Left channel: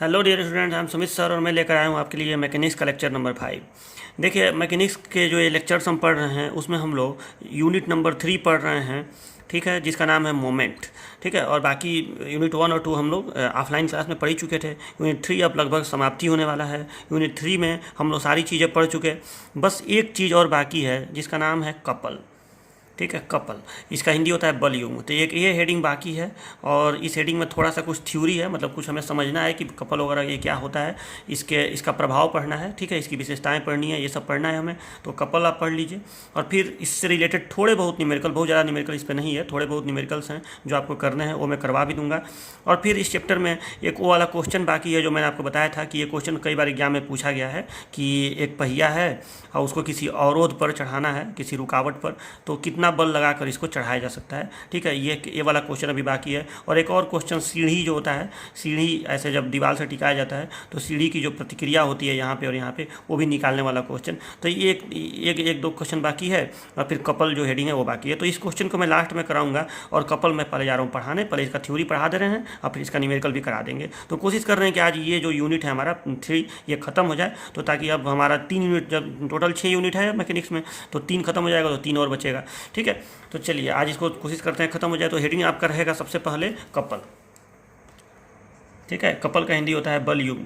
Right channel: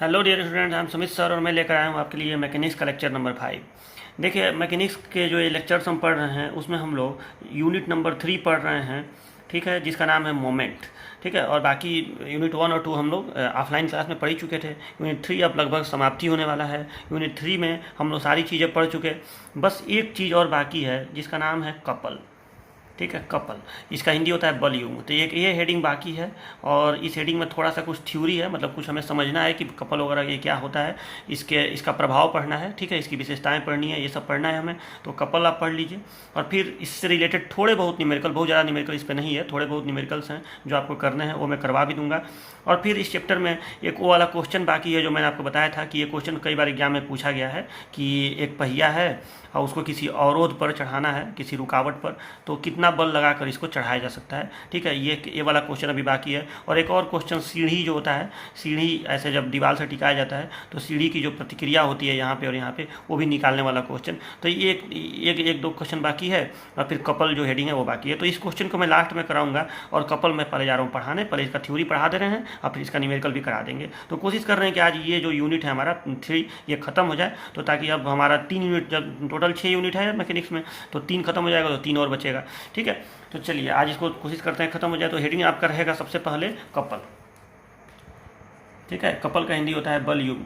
Hello dear student, I am Sumit sir और मैं लेकर आया हूँ आपके लिए मैकेनिक्स का लेक्चर नंबर 5। देखिए, मैकेनिक्स के जो ये लेक्चर्स हम पढ़ रहे हैं उसमें हम लोग यूनिट नंबर 3 पढ़ रहे हैं। ठीक है, जिसका नाम है मोमेंट। ठीक है, और बाकी यूनिट 1 और 2 हम लोग ऑफलाइन क्लास में पढ़ ही चुके थे। यूनिट 3 अब लगभग समाप्ति होने वाला है। यूनिट 3 में हम लोग सारी चीज़ें पढ़ चुके, बस एक चीज़ और बाकी है जिसका नाम है कपल। ठीक है, कपल, इसका हिंदी होता है बलयुग। तो एक ये हेडिंग बाकी है और इस हेडिंग में थोड़ा सा कुछ थ्योरी है, मतलब कुछ हमें समझना है कि कपल वगैरह ये क्या होता है, इसका प्रभाव पढ़ना है। ठीक है, इसकी विशेषताएं पढ़नी है, ये सब पढ़ना है हमें। तो कपल आप पढ़ लीजिए और फिर इससे रिलेटेड थोड़े बहुत न्यूमेरिकल, बहुत ज़्यादा न्यूमेरिकल इस पर नहीं है, थोड़े बहुत न्यूमेरिकल्स हैं जो आपको करने हैं, वो मैं करवा भी दूंगा। और फिर इस चैप्टर में एक वो वाला क्वेश्चन बाकी है जो मैंने आपको बताया था कि ये क्वेश्चन कई बार एग्जाम में पूछा गया है कि एक पहिया है और उसको किसी अवरोध पर चढ़ाना है, किसी रुकावट पर, तो कितना बल लगाकर इसको चढ़ाया जा सकता है। ठीक है, ये वाला क्वेश्चन अभी बाकी है। और एक और क्वेश्चन, सीढ़ी जो होता है, सीढ़ी ऐसे जब दीवार से टिकाया जाता है तो सीढ़ी की जो प्रतिक्रिया होती है यहाँ पे और यहाँ पे, वो भी निकालने वाला क्वेश्चन। तो ये एक दो क्वेश्चन बाकी है और फिर कपल जो हेडिंग है वो बाकी है। तो इस क्वेश्चन को मैं लास्ट में कराऊंगा और कपल मैं पहले जा रहा हूँ पढ़ाने, पहले इसका थ्योरी पढ़ा दे रहे हैं और फिर इसका न्यूमेरिकल भी करा देंगे। तो कोशिश कर रहे हैं कि आज ये जो यूनिट है हमारा 3 ये खत्म हो जाए, तो ताकि अब हमारा 3 यूनिट, जब टोटल 6 यूनिट है मैकेनिक्स में, तो 3 खत्म हो जाएगा तो 3 और बचेगा। ठीक है, तो चलिए आज इसको कोशिश करते हैं खत्म हो जाए। तो हेडिंग आपका रहेगा सबसे पहले कपल। ठीक है, कपल का हिंदी होता है बलयुग।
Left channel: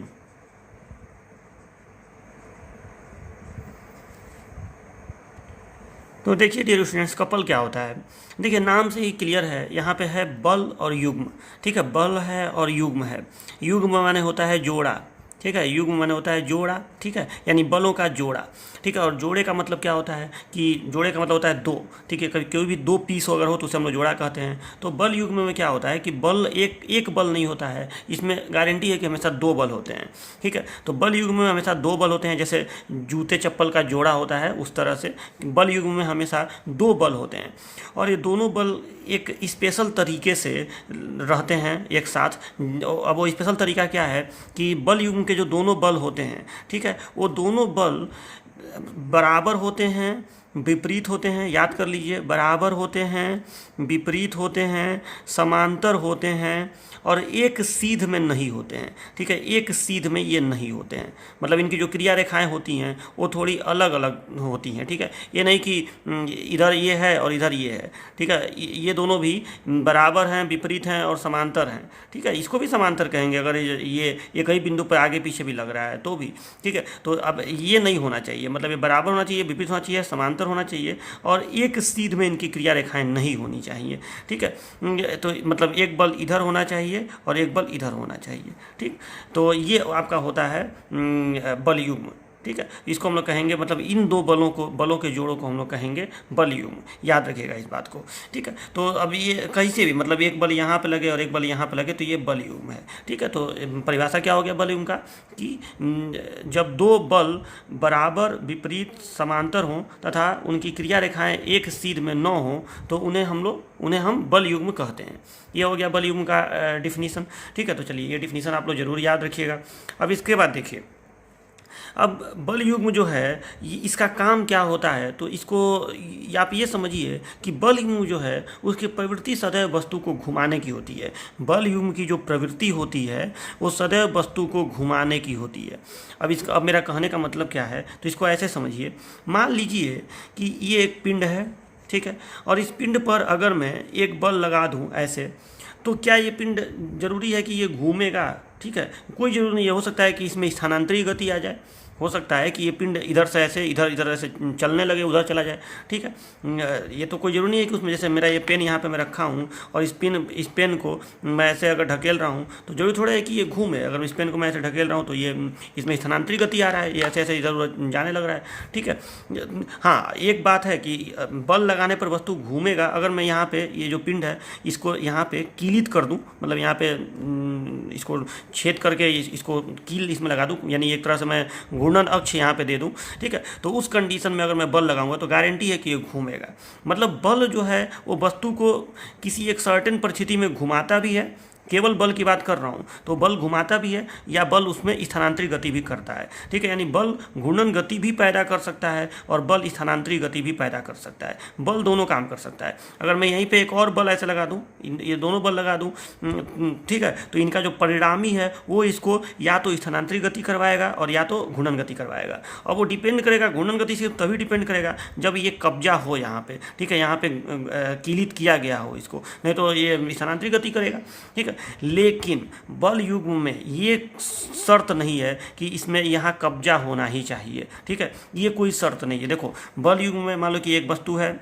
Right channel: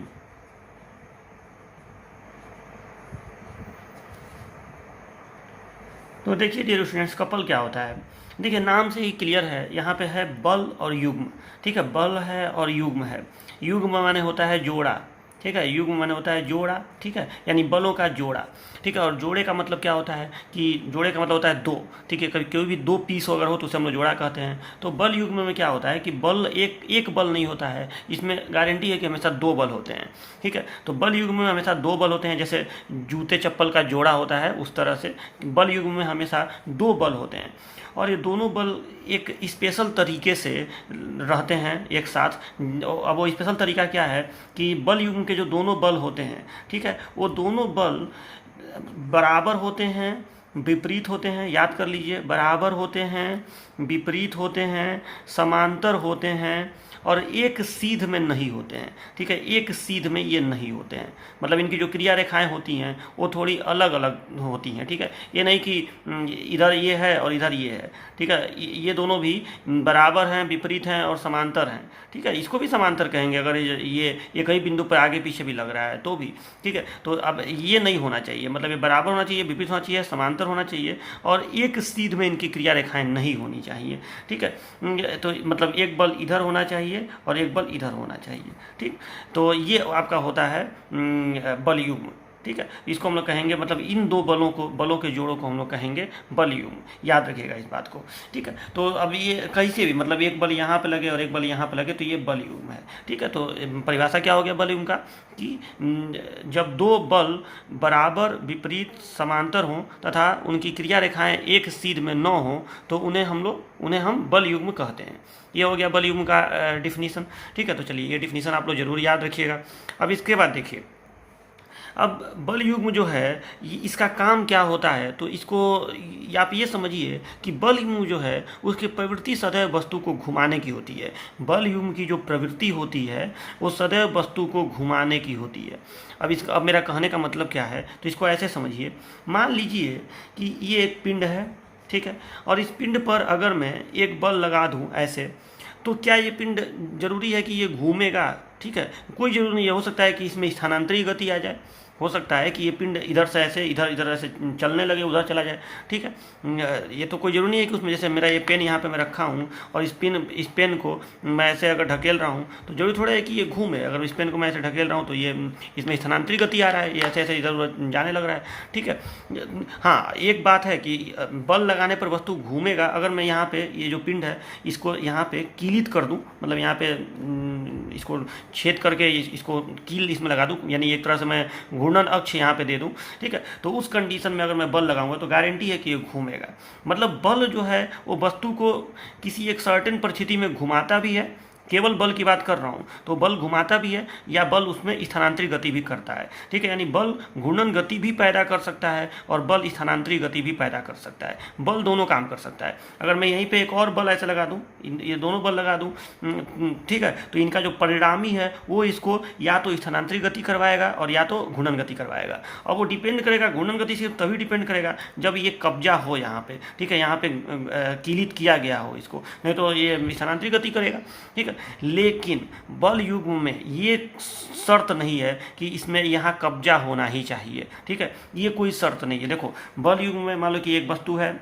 तो देखिए डियर स्टूडेंट्स, कपल क्या होता है। देखिए, नाम से ही क्लियर है, यहाँ पे है बल और युग्म। ठीक है, बल है और युग्म है। युग्म माने होता है जोड़ा। ठीक है, युग्म माने होता है जोड़ा। ठीक है, यानी बलों का जोड़ा। ठीक है, और जोड़े का मतलब क्या होता है कि जोड़े का मतलब होता है दो। ठीक है, कभी कोई भी दो पीस अगर हो तो उसे हम लोग जोड़ा कहते हैं। तो बल युग्म में क्या होता है कि बल एक एक बल नहीं होता है, इसमें गारंटी है कि हमेशा दो बल होते हैं। ठीक है, तो बल युग्म में हमेशा दो बल होते हैं, जैसे जूते चप्पल का जोड़ा होता है उस तरह से बल युग्म में हमेशा दो बल होते हैं। और ये दोनों बल एक स्पेशल तरीके से रहते हैं एक साथ। अब वो स्पेशल तरीका क्या है कि बल युग्म के जो दोनों बल होते हैं, ठीक है, वो दोनों बल बराबर होते हैं, विपरीत होते हैं। याद कर लीजिए, बराबर होते हैं, विपरीत होते हैं, समांतर होते हैं और एक सीध में नहीं होते हैं। ठीक है, एक सीध में ये नहीं होते हैं, मतलब इनकी जो क्रिया रेखाएं होती हैं वो थोड़ी अलग अलग होती हैं। ठीक है, ये नहीं कि इधर ये है और इधर ये है। ठीक है, ये दोनों भी बराबर हैं, विपरीत हैं और समांतर हैं। ठीक है, इसको भी समांतर कहेंगे अगर ये कई बिंदु पर आगे पीछे भी लग रहा है तो भी। ठीक है, तो अब ये नहीं होना चाहिए, मतलब ये बराबर होना चाहिए, विपरीत होना चाहिए, समांतर होना चाहिए और एक सीध में इनकी क्रिया रेखाएं नहीं होनी चाहिए। ठीक है, तो मतलब एक बल इधर होना चाहिए और एक बल इधर होना चाहिए। ठीक, तो ये आपका होता है बल युग्म। ठीक है, इसको हम लोग कहेंगे, मतलब इन दो बलों के जोड़ों को हम लोग कहेंगे बल युग्म। याद रखिएगा इस बात को। ठीक है, तो अब ये कहीं से भी, मतलब एक बल यहाँ पे लगे और एक बल यहाँ पे लगे तो ये बल युग्म है। ठीक है, तो परिभाषा क्या हो गया बल युग्म का कि जब दो बल बराबर, विपरीत, समांतर हों तथा उनकी क्रिया रेखाएं एक सीध में न हों तो उन्हें हम बल युग्म कहते हैं। ये हो गया बल युग्म का डिफिनीसन। ठीक है, तो चलिए ये डिफिनीसन आप लोग जरूर याद रखिएगा। अब इसके बाद देखिए, अब बल युग्म जो है इसका काम क्या होता है, तो इसको आप ये समझिए कि बल युग्म जो है उसकी प्रवृत्ति सदैव वस्तु को घुमाने की होती है। बल युग्म की जो प्रवृत्ति होती है वो सदैव वस्तु को घुमाने की होती है। अब मेरा कहने का मतलब क्या है, तो इसको ऐसे समझिए। मान लीजिए कि ये एक पिंड है। ठीक है, और इस पिंड पर अगर मैं एक बल लगा दूं ऐसे, तो क्या ये पिंड जरूरी है कि ये घूमेगा? ठीक है, कोई जरूरी नहीं है। हो सकता है कि इसमें स्थानांतरी गति आ जाए, हो सकता है कि ये पिंड इधर से ऐसे इधर इधर ऐसे चलने लगे, उधर चला जाए। ठीक है, ये तो कोई जरूरी नहीं है कि उसमें, जैसे मेरा ये पेन यहाँ पे मैं रखा हूँ और इस पेन को मैं ऐसे अगर ढकेल रहा हूँ तो जरूरी थोड़ा है कि ये घूमे। अगर इस पेन को मैं ऐसे ढकेल रहा हूँ तो ये इसमें स्थानांतरी गति आ रहा है, ये ऐसे ऐसे इधर उधर जाने लग रहा है। ठीक है, हाँ, एक बात है कि बल लगाने पर वस्तु घूमेगा। अगर मैं यहाँ पे ये जो पिंड है इसको यहाँ पे कीलित कर दूँ, मतलब यहाँ पे इसको छेद करके इसको कील इसमें लगा दूँ, यानी एक तरह से मैं घूर्णन अक्ष यहाँ पे दे दूँ। ठीक है, तो उस कंडीशन में अगर मैं बल लगाऊंगा तो गारंटी है कि ये घूमेगा। मतलब बल जो है वो वस्तु को किसी एक सर्टेन परिस्थिति में घुमाता भी है, केवल बल की बात कर रहा हूँ तो बल घुमाता भी है या बल उसमें स्थानांतरी गति भी करता है, ठीक है। यानी बल घूर्णन गति भी पैदा कर सकता है और बल स्थानांतरी गति भी पैदा कर सकता है, बल दोनों काम कर सकता है। अगर मैं यहीं पे एक और बल ऐसे लगा दूँ, ये दोनों बल लगा दूँ, ठीक है, तो इनका जो परिणामी है वो इसको या तो स्थानांतरी गति करवाएगा और या तो घूर्णन गति करवाएगा। और वो डिपेंड करेगा, घूर्णन गति सिर्फ तभी डिपेंड करेगा जब ये कब्जा हो यहाँ पे, ठीक है, यहाँ पे कीलित किया गया हो इसको, नहीं तो ये स्थानांतरी गति करेगा, ठीक है। लेकिन बल युग्म में ये शर्त नहीं है कि इसमें यहाँ कब्जा होना ही चाहिए, ठीक है, ये कोई शर्त नहीं है। देखो बल युग्म में मान लो कि एक वस्तु है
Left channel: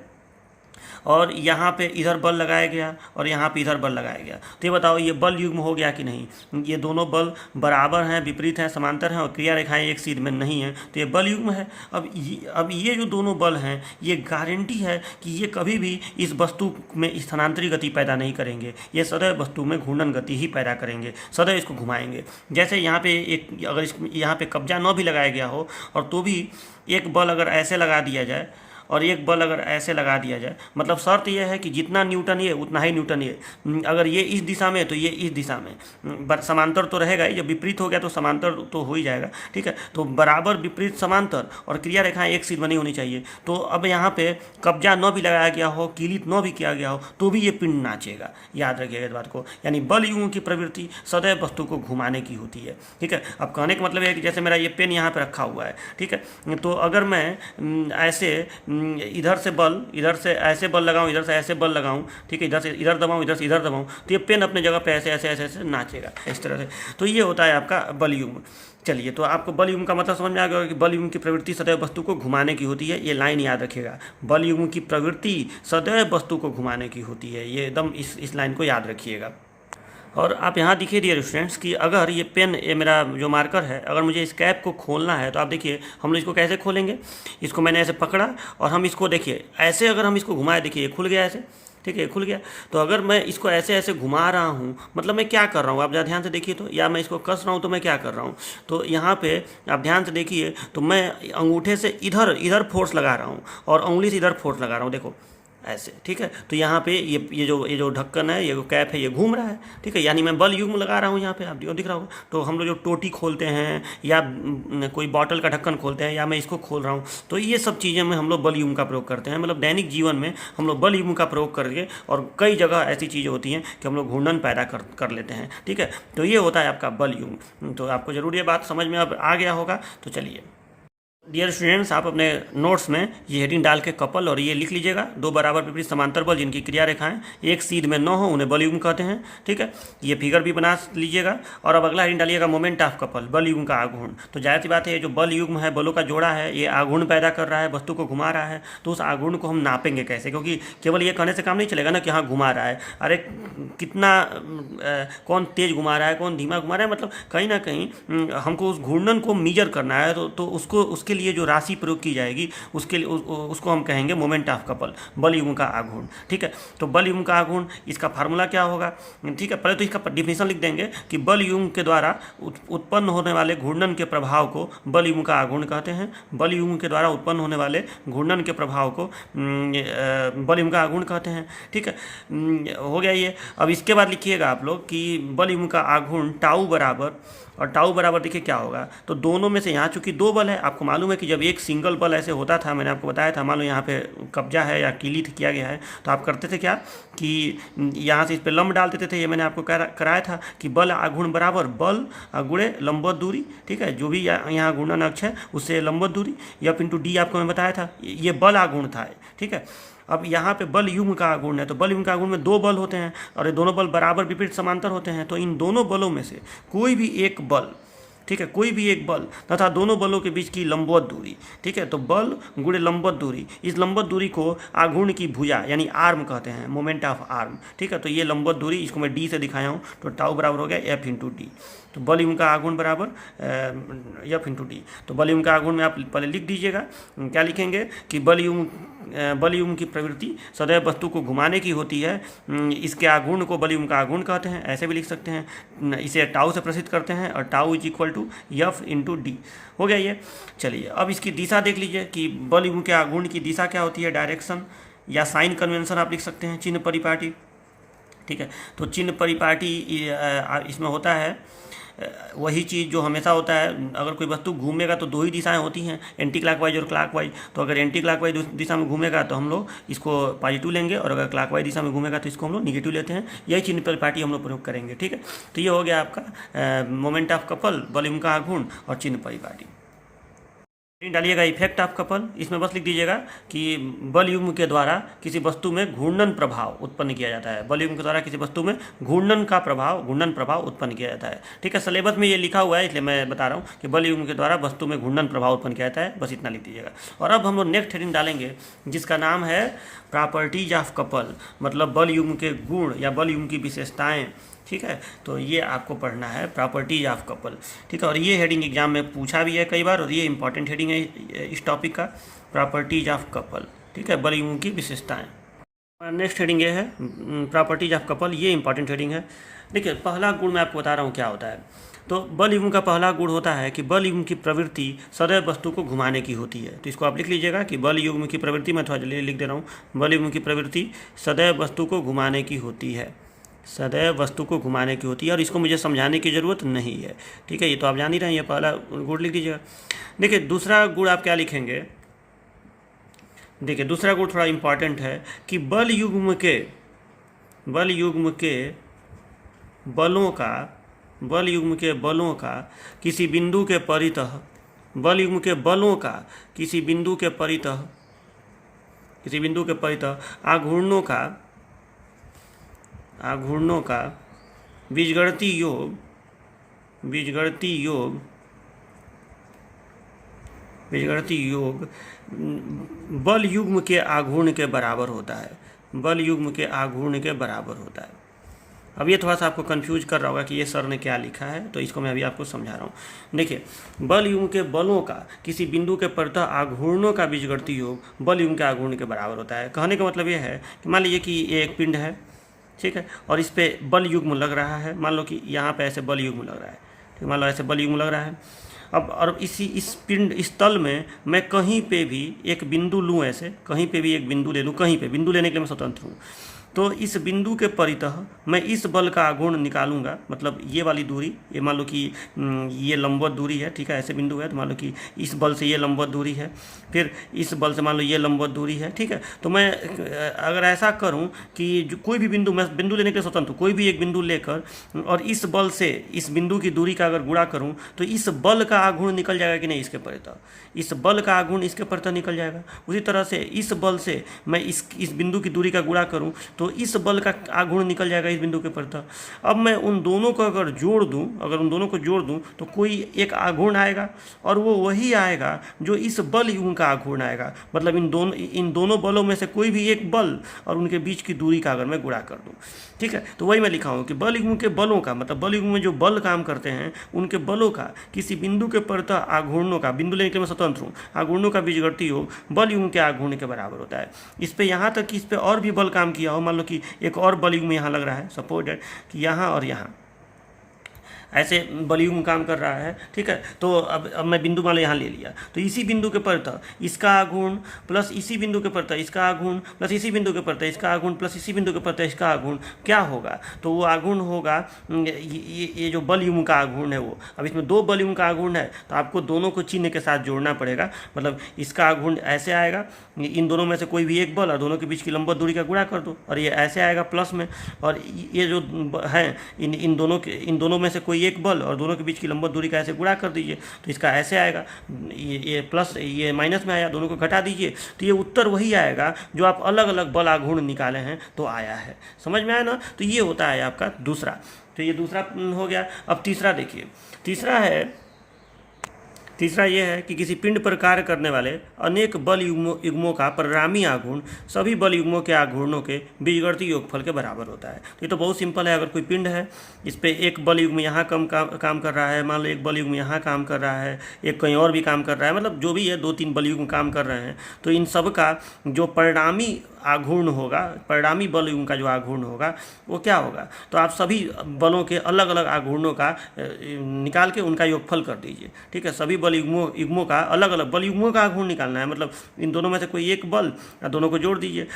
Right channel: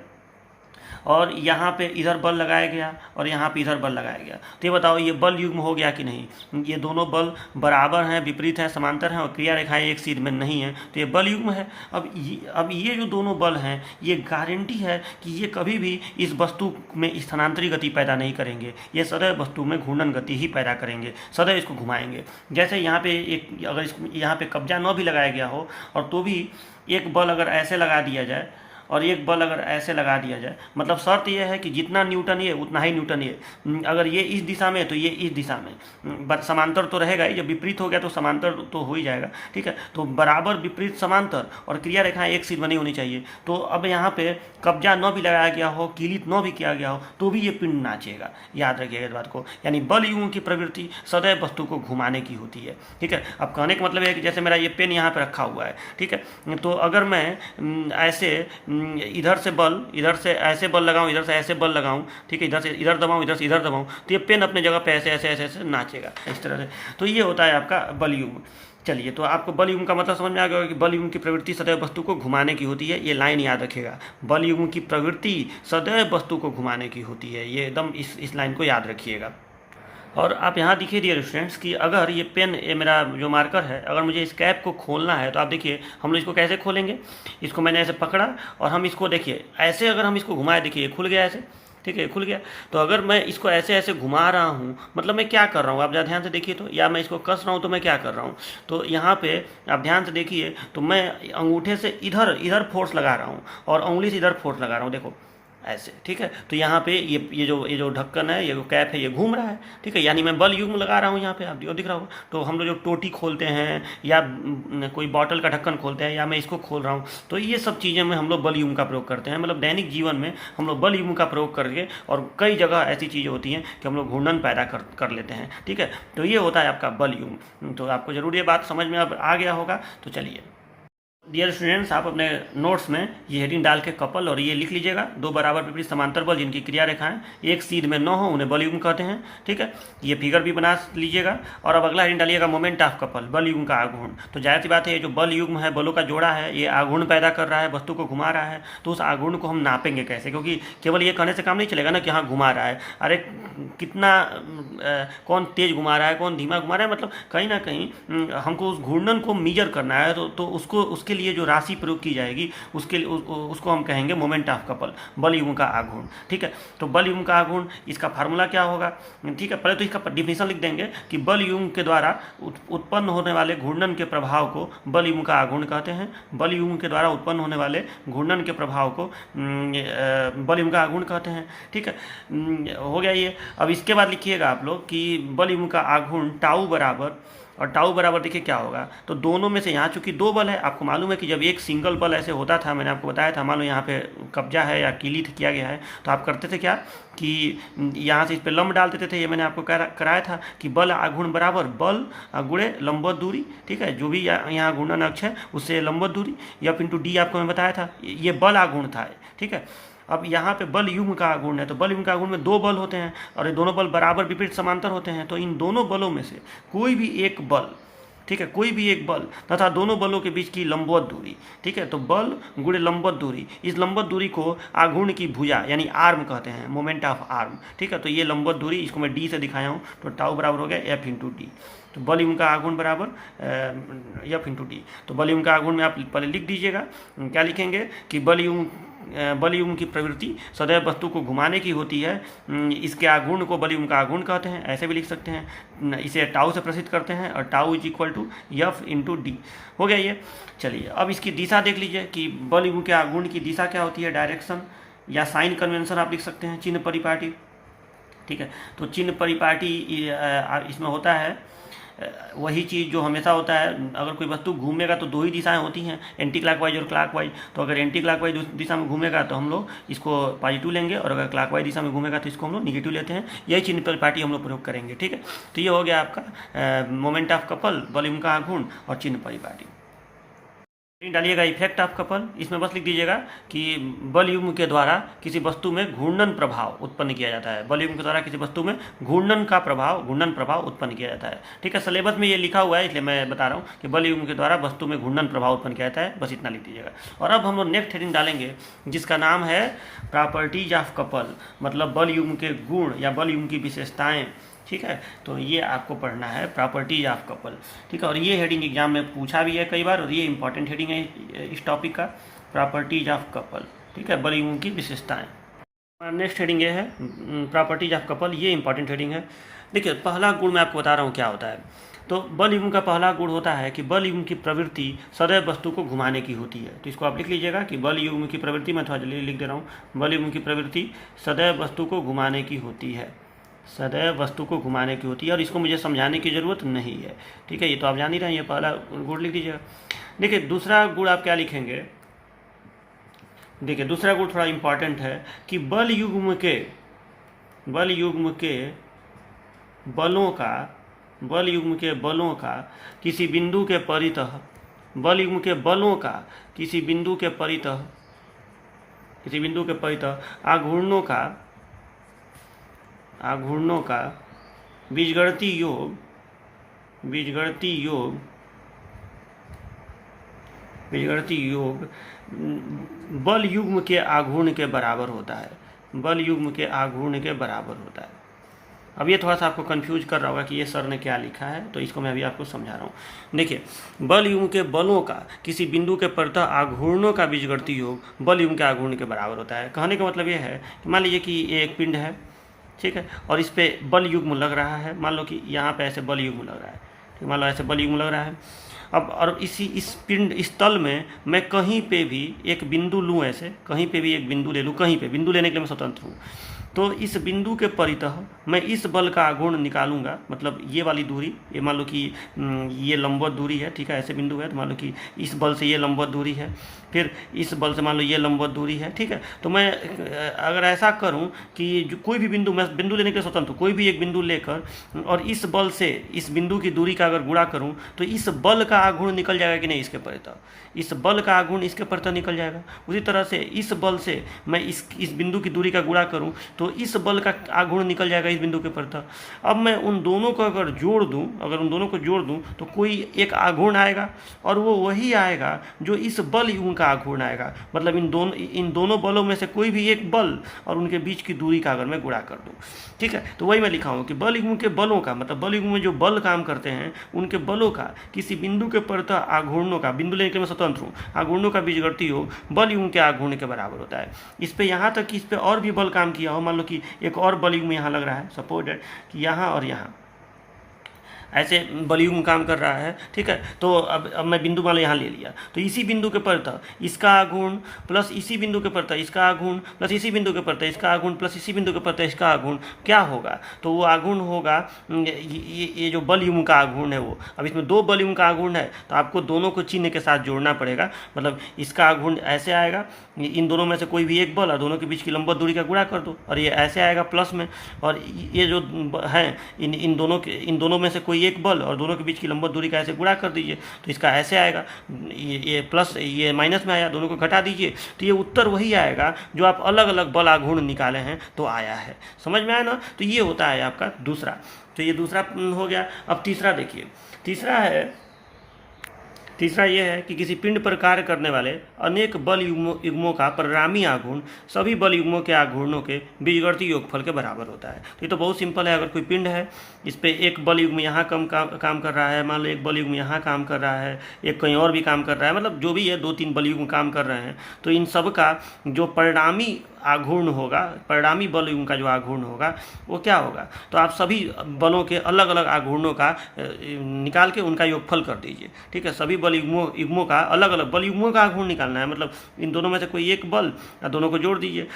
और यहाँ पे इधर बल लगाया गया और यहाँ पे इधर बल लगाया गया, तो ये बताओ ये बल युग्म हो गया कि नहीं? ये दोनों बल बराबर हैं, विपरीत हैं, समांतर हैं और क्रिया रेखाएं एक सीध में नहीं है, तो ये बल युग्म है। अब ये जो दोनों बल हैं ये गारंटी है कि ये कभी भी इस वस्तु में स्थानांतरी गति पैदा नहीं करेंगे, ये सदैव वस्तु में घूर्णन गति ही पैदा करेंगे, सदैव इसको घुमाएंगे। जैसे यहाँ पे एक अगर यहाँ पे कब्जा न भी लगाया गया हो और तो भी एक बल अगर ऐसे लगा दिया जाए और एक बल अगर ऐसे लगा दिया जाए, मतलब शर्त यह है कि जितना न्यूटन ये उतना ही न्यूटन ये, अगर ये इस दिशा में तो ये इस दिशा में, समांतर तो रहेगा ही, जब विपरीत हो गया तो समांतर तो हो ही जाएगा, ठीक है। तो बराबर विपरीत समांतर और क्रिया रेखाएं एक सीध बनी होनी चाहिए। तो अब यहाँ पे कब्जा न भी लगाया गया हो, कीलित न भी किया गया हो, तो भी ये पिंड नाचेगा, याद रखिएगा इस बात को। यानी बल युग्म की प्रवृत्ति सदैव वस्तु को घुमाने की होती है, ठीक है। अब कहने का मतलब है कि जैसे मेरा ये पेन यहाँ पर रखा हुआ है, ठीक है, तो अगर मैं ऐसे इधर से बल, इधर से ऐसे बल लगाऊं, इधर से ऐसे बल लगाऊं, ठीक है, इधर से इधर दबाऊं, इधर से इधर दबाऊं, तो ये पेन अपने जगह पे ऐसे ऐसे ऐसे ऐसे नाचेगा इस तरह से। तो ये होता है आपका बल युग्म। चलिए, तो आपको बल युग्म का मतलब समझ में आ गया कि बल युग्म की प्रवृत्ति सदैव वस्तु को घुमाने की होती है। ये लाइन याद रखिएगा, बल युग्म की प्रवृत्ति सदैव वस्तु को घुमाने की होती है, ये एकदम इस लाइन को याद रखिएगा। और आप यहाँ देखिए डियर स्टूडेंट्स कि अगर ये पेन, ये मेरा जो मार्कर है, अगर मुझे इस कैप को खोलना है तो आप देखिए हम लोग इसको कैसे खोलेंगे। इसको मैंने ऐसे पकड़ा और हम इसको देखिए ऐसे अगर हम इसको घुमाए, देखिए खुल गया ऐसे, ठीक है, खुल गया। तो अगर मैं इसको ऐसे ऐसे घुमा रहा हूँ, मतलब मैं क्या कर रहा हूँ, आप ज़रा ध्यान से देखिए तो, या मैं इसको कस रहा हूँ तो मैं क्या कर रहा हूँ, तो यहाँ पे आप ध्यान से देखिए तो मैं अंगूठे से इधर इधर फोर्स लगा रहा हूँ और उंगली से इधर फोर्स लगा रहा हूँ, देखो ऐसे, ठीक है। तो यहाँ पे ये जो ढक्कन है, ये जो कैप है, ये घूम रहा है, ठीक है, यानी मैं बल युग्म लगा रहा हूँ यहाँ पे, आप दिख रहा होगा। तो हम लोग जो टोटी खोलते हैं या कोई बॉटल का ढक्कन खोलते हैं या मैं इसको खोल रहा हूँ, तो ये सब चीज़ें में हम लोग बल युग्म का प्रयोग करते हैं। मतलब दैनिक जीवन में हम लोग बल युग्म का प्रयोग करके, और कई जगह ऐसी चीज़ें होती हैं कि हम लोग घूर्णन पैदा कर लेते हैं, ठीक है। तो ये होता है आपका बल युग्म। तो आपको जरूर ये बात समझ में अब आ गया होगा। तो चलिए डियर स्टूडेंट्स, आप अपने नोट्स में ये हेडिंग डाल के कपल और ये लिख लीजिएगा, दो बराबर विपरीत समांतर बल जिनकी क्रिया रेखाएं एक सीध में न हो उन्हें बल युग्म कहते हैं, ठीक है। ये फिगर भी बना लीजिएगा। और अब अगला हेडिंग डालिएगा मोमेंट ऑफ कपल, बल युग्म का आघूर्ण। तो जाहिर सी बात है, ये जो बल युग्म है, बलों का जोड़ा है, ये आघूर्ण पैदा कर रहा है, वस्तु को घुमा रहा है। तो उस आघूर्ण को हम नापेंगे कैसे? क्योंकि केवल ये कहने से काम नहीं चलेगा ना कि हाँ घुमा रहा है, अरे कितना कौन तेज घुमा रहा है, कौन धीमा घुमा रहा है, मतलब कहीं ना कहीं हमको उस घूर्णन को मीजर करना है। तो उसको, उसके लिए जो राशि प्रयोग की जाएगी उसको हम कहेंगे मोमेंट ऑफ कपल, बल युग्म का आघूर्ण, ठीक है। तो बल युग्म का आघूर्ण, इसका फार्मूला क्या होगा, ठीक है। पहले तो इसका डिफिनेशन लिख देंगे कि बल युग्म के द्वारा उत्पन्न होने वाले घूर्णन के प्रभाव को बल युग्म का आघूर्ण कहते हैं। बल युग्म के द्वारा उत्पन्न होने वाले घूर्णन के प्रभाव को बल युग्म का आघूर्ण कहते हैं, ठीक है। हो गया ये। अब इसके बाद लिखिएगा आप लोग कि बल युग्म का आघूर्ण टाउ बराबर, और टाउ बराबर देखिए क्या होगा, तो दोनों में से यहाँ चूंकि दो बल है, आपको मालूम है कि जब एक सिंगल बल ऐसे होता था, मैंने आपको बताया था, मान लो यहाँ पे कब्जा है या कीलित किया गया है, तो आप करते थे क्या कि यहाँ से इस पर लंब डाल देते थे। ये मैंने आपको कराया था कि बल आघूर्ण बराबर बल गुणे लंबवत दूरी, ठीक है, जो भी यहाँ घूर्णन अक्ष है उससे लंबवत दूरी, एफ इंटू डी आपको मैं बताया था, ये बल आघूर्ण था, ठीक है। अब यहाँ पे बल युग्म का आघूर्ण है, तो बल युग्म का आघूर्ण में दो बल होते हैं और ये दोनों बल बराबर विपरीत समांतर होते हैं। तो इन दोनों बलों में से कोई भी एक बल, ठीक है, कोई भी एक बल तथा दोनों बलों के बीच की लंबवत दूरी, ठीक है, तो बल गुणे लंबवत दूरी, इस लंबवत दूरी को आघूर्ण की भुजा यानी आर्म कहते हैं, मोमेंट ऑफ आर्म, ठीक है। तो ये लंबवत दूरी, इसको मैं डी से दिखाया हूँ, तो टाउ बराबर हो गया एफ इंटू डी। तो बल युग्म का आघूर्ण बराबर एफ इंटू डी। तो बल युग्म का आघूर्ण में आप पहले लिख दीजिएगा, क्या लिखेंगे कि बल युग्म की प्रवृत्ति सदैव वस्तु को घुमाने की होती है, इसके आघूर्ण को बल युग्म का आघूर्ण कहते हैं, ऐसे भी लिख सकते हैं। इसे टाउ से प्रसिद्ध करते हैं और tau is equal to F into D. हो गया ये। चलिए अब इसकी दिशा देख लीजिए कि बल युग्म के आघूर्ण की दिशा क्या होती है, डायरेक्शन या साइन कन्वेंशन आप लिख सकते हैं, चिन्ह परिपाटी। ठीक है। तो चिन्ह परिपाटी इसमें होता है वही चीज़ जो हमेशा होता है। अगर कोई वस्तु घूमेगा तो दो ही दिशाएं होती हैं, एंटी क्लॉकवाइज और क्लॉकवाइज। तो अगर एंटी क्लॉकवाइज दिशा में घूमेगा तो हम लोग इसको पॉजिटिव लेंगे, और अगर क्लॉकवाइज दिशा में घूमेगा तो इसको हम लोग निगेटिव लेते हैं। यही चिन्ह परिपाटी हम लोग प्रयोग करेंगे, ठीक है। तो ये हो गया आपका मोमेंट ऑफ कपल, बल युग्म का आघूर्ण और चिन्ह परिपाटी। डालिएगा इफेक्ट ऑफ कपल, इसमें बस लिख दीजिएगा कि बल युग्म के द्वारा किसी वस्तु में घूर्णन प्रभाव उत्पन्न किया जाता है। बल युग्म के द्वारा किसी वस्तु में घूर्णन प्रभाव उत्पन्न किया जाता है, ठीक है। सिलेबस में ये लिखा हुआ है इसलिए मैं बता रहा हूँ कि बल युग्म के द्वारा वस्तु में घूर्णन प्रभाव उत्पन्न किया जाता है, बस इतना लिख दीजिएगा। और अब हम लोग नेक्स्ट हेडिंग डालेंगे जिसका नाम है प्रॉपर्टीज ऑफ कपल, मतलब बल युग्म के गुण या बल युग्म की विशेषताएँ, ठीक है। तो ये आपको पढ़ना है प्रॉपर्टीज ऑफ कपल, ठीक है। और ये हेडिंग एग्जाम में पूछा भी है कई बार, और ये इंपॉर्टेंट हेडिंग है इस टॉपिक का, प्रॉपर्टीज ऑफ कपल, ठीक है, बल युग्म की विशेषताएं। नेक्स्ट हेडिंग ये है प्रॉपर्टीज ऑफ कपल, ये इंपॉर्टेंट हेडिंग है। देखिए पहला गुण मैं आपको बता रहा हूँ क्या होता है। तो बल युग्म का पहला गुण होता है कि बल युग्म की प्रवृत्ति सदैव वस्तु को घुमाने की होती है। तो इसको आप लिख लीजिएगा कि बल युग्म की प्रवृत्ति, मैं थोड़ा जल्दी लिख दे रहा हूँ, बल युग्म की प्रवृत्ति सदैव वस्तु को घुमाने की होती है, सदैव वस्तु को घुमाने की होती है। और इसको मुझे समझाने की ज़रूरत नहीं है, ठीक है, ये तो आप जान ही रहे हैं। ये पहला गुण लिख दीजिएगा। देखिए दूसरा गुण आप क्या लिखेंगे, देखिए दूसरा गुण थोड़ा इम्पॉर्टेंट है कि बल युग्म के बलों का किसी बिंदु के परितः, बल युग्म के बलों का किसी बिंदु के परितः आघूर्णों का बीजगणितीय योग बल युग्म के आघूर्ण के बराबर होता है, बल युग्म के आघूर्ण के बराबर होता है। अब ये थोड़ा सा आपको कंफ्यूज कर रहा होगा कि ये सर ने क्या लिखा है, तो इसको मैं अभी आपको समझा रहा हूँ। देखिए बल युग्म के बलों का किसी बिंदु के परितः आघूर्णों का बीजगणितीय योग बल युग्म के आघूर्ण के बराबर होता है। कहने का मतलब ये है कि मान लीजिए कि ये एक पिंड है, ठीक है, और इस पे बल युग्म लग रहा है। मान लो कि यहाँ पे ऐसे बल युग्म लग रहा है, तो मान लो ऐसे बल युग्म लग रहा है। अब और इस तल में मैं कहीं पे भी एक बिंदु लूँ, ऐसे कहीं पे भी एक बिंदु ले लूँ, कहीं पे बिंदु लेने के लिए मैं स्वतंत्र हूँ। तो इस बिंदु के परितः मैं इस बल का आघूर्ण निकालूंगा, मतलब ये वाली दूरी, ये मान लो कि ये लंबवत दूरी है, ठीक है, ऐसे बिंदु है, तो मान लो कि इस बल से ये लंबवत दूरी है, फिर इस बल से मान लो ये लंबवत दूरी है, ठीक है। तो मैं अगर ऐसा करूं कि कोई भी बिंदु, मैं बिंदु लेने के लिए स्वतंत्र हूँ, कोई भी एक बिंदु लेकर और इस बल से इस बिंदु की दूरी का अगर गुणा करूँ तो इस बल का आघूर्ण निकल जाएगा कि नहीं, इसके परितः इस बल का आघूर्ण इसके परितः निकल जाएगा। उसी तरह से इस बल से मैं इस बिंदु की दूरी का गुणा करूं तो इस बल का आघूर्ण निकल जाएगा इस बिंदु के परितः। अब मैं उन दोनों को अगर जोड़ दूं, तो कोई एक आघूर्ण आएगा, और वो वही आएगा जो इस बल युग्म का आघूर्ण आएगा। मतलब इन दोनों बलों में से कोई भी एक बल और उनके बीच की दूरी का अगर मैं गुणा कर दूँ, ठीक है। तो वही मैं लिखा हूँ कि बल युग्म के बलों का, मतलब बल युग्म में जो बल काम करते हैं उनके बलों का किसी बिंदु के परितः आघूर्णों का, बिंदु लेने के लिए मैं स्वतंत्र हूँ, आघूर्णों का बीजगणितीय योग बल युग्म के आघूर्ण के बराबर होता है। इस पे यहाँ तक कि इस पे और भी बल काम किया हो, मान लो कि एक और बल युग्म यहाँ लग रहा है, सपोज दैट कि यहाँ और यहाँ ऐसे बल युग्म काम कर रहा है, ठीक है। तो अब मैं बिंदु मान लो यहाँ ले लिया, तो इसी बिंदु के परितः इसका आघूर्ण प्लस इसी बिंदु के परितः इसका आघूर्ण प्लस इसी बिंदु के परितः इसका आघूर्ण प्लस इसी बिंदु के परितः इसका आघूर्ण क्या होगा, तो वो आघूर्ण होगा ये जो बल युग्म का आघूर्ण है वो। अब इसमें दो बल युग्म का आघूर्ण है तो आपको दोनों को चिन्ह के साथ जोड़ना पड़ेगा। मतलब इसका आघूर्ण ऐसे आएगा, इन दोनों में से कोई भी एक बल और दोनों के बीच की लंबवत दूरी का गुणा कर दो, और ये ऐसे आएगा प्लस में, और ये जो है इन दोनों में से कोई एक बल और दोनों के बीच की लंबवत दूरी का ऐसे गुणा कर दीजिए, तो इसका ऐसे आएगा, ये प्लस ये माइनस में आया, दोनों को घटा दीजिए, तो ये उत्तर वही आएगा जो आप अलग अलग बल आघूर्ण निकाले हैं तो आया है। समझ में आया ना। तो ये होता है आपका दूसरा। तो ये दूसरा हो गया। अब तीसरा देखिए, तीसरा ये है कि किसी पिंड पर कार्य करने वाले अनेक बल युग्मों का परिणामी आघूर्ण सभी बल युग्मों के आघूर्णों के बीजगणितीय योगफल के बराबर होता है। तो ये तो बहुत सिंपल है। अगर कोई पिंड है, इस पे एक बल युग्म यहाँ काम कर रहा है, मान लो एक बल युग्म यहाँ काम कर रहा है, एक कहीं और भी काम कर रहा है, मतलब जो भी है 2-3 बल युग्म काम कर रहे हैं, तो इन सब का जो परिणामी आघूर्ण होगा, परिणामी बल युग्म का जो आघूर्ण होगा वो क्या होगा, तो आप सभी बलों के अलग अलग आघूर्णों का निकाल के उनका योगफल कर दीजिए। ठीक है, सभी बल युग्मों का अलग अलग बल युग्मों का आघूर्ण निकालना है, मतलब इन दोनों में से कोई एक बल, दोनों को जोड़ दीजिए,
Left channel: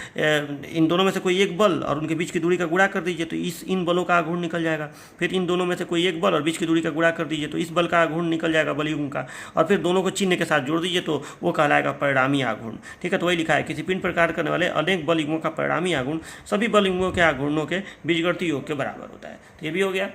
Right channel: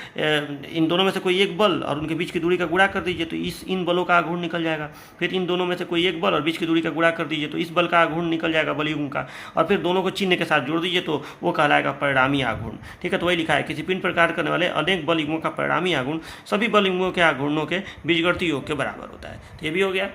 इन दोनों में से कोई एक बल और उनके बीच की दूरी का गुणा कर दीजिए, तो इन बलों का आघूर्ण निकल जाएगा। फिर इन दोनों में से कोई एक बल और बीच की दूरी का गुणा कर दीजिए, तो इस बल का आघूर्ण निकल जाएगा बल युग्म का, और फिर दोनों को चिन्ह के साथ जोड़ दीजिए तो वो कहलाएगा परिणामी आघूर्ण। ठीक है, तो वही लिखा है, किसी पिंड पर कार्य करने वाले अनेक बल युग्मों का परिणामी आघूर्ण सभी बल युग्मों के आघूर्णों के बीजगणितीय योग के बराबर होता है। तो ये भी हो गया।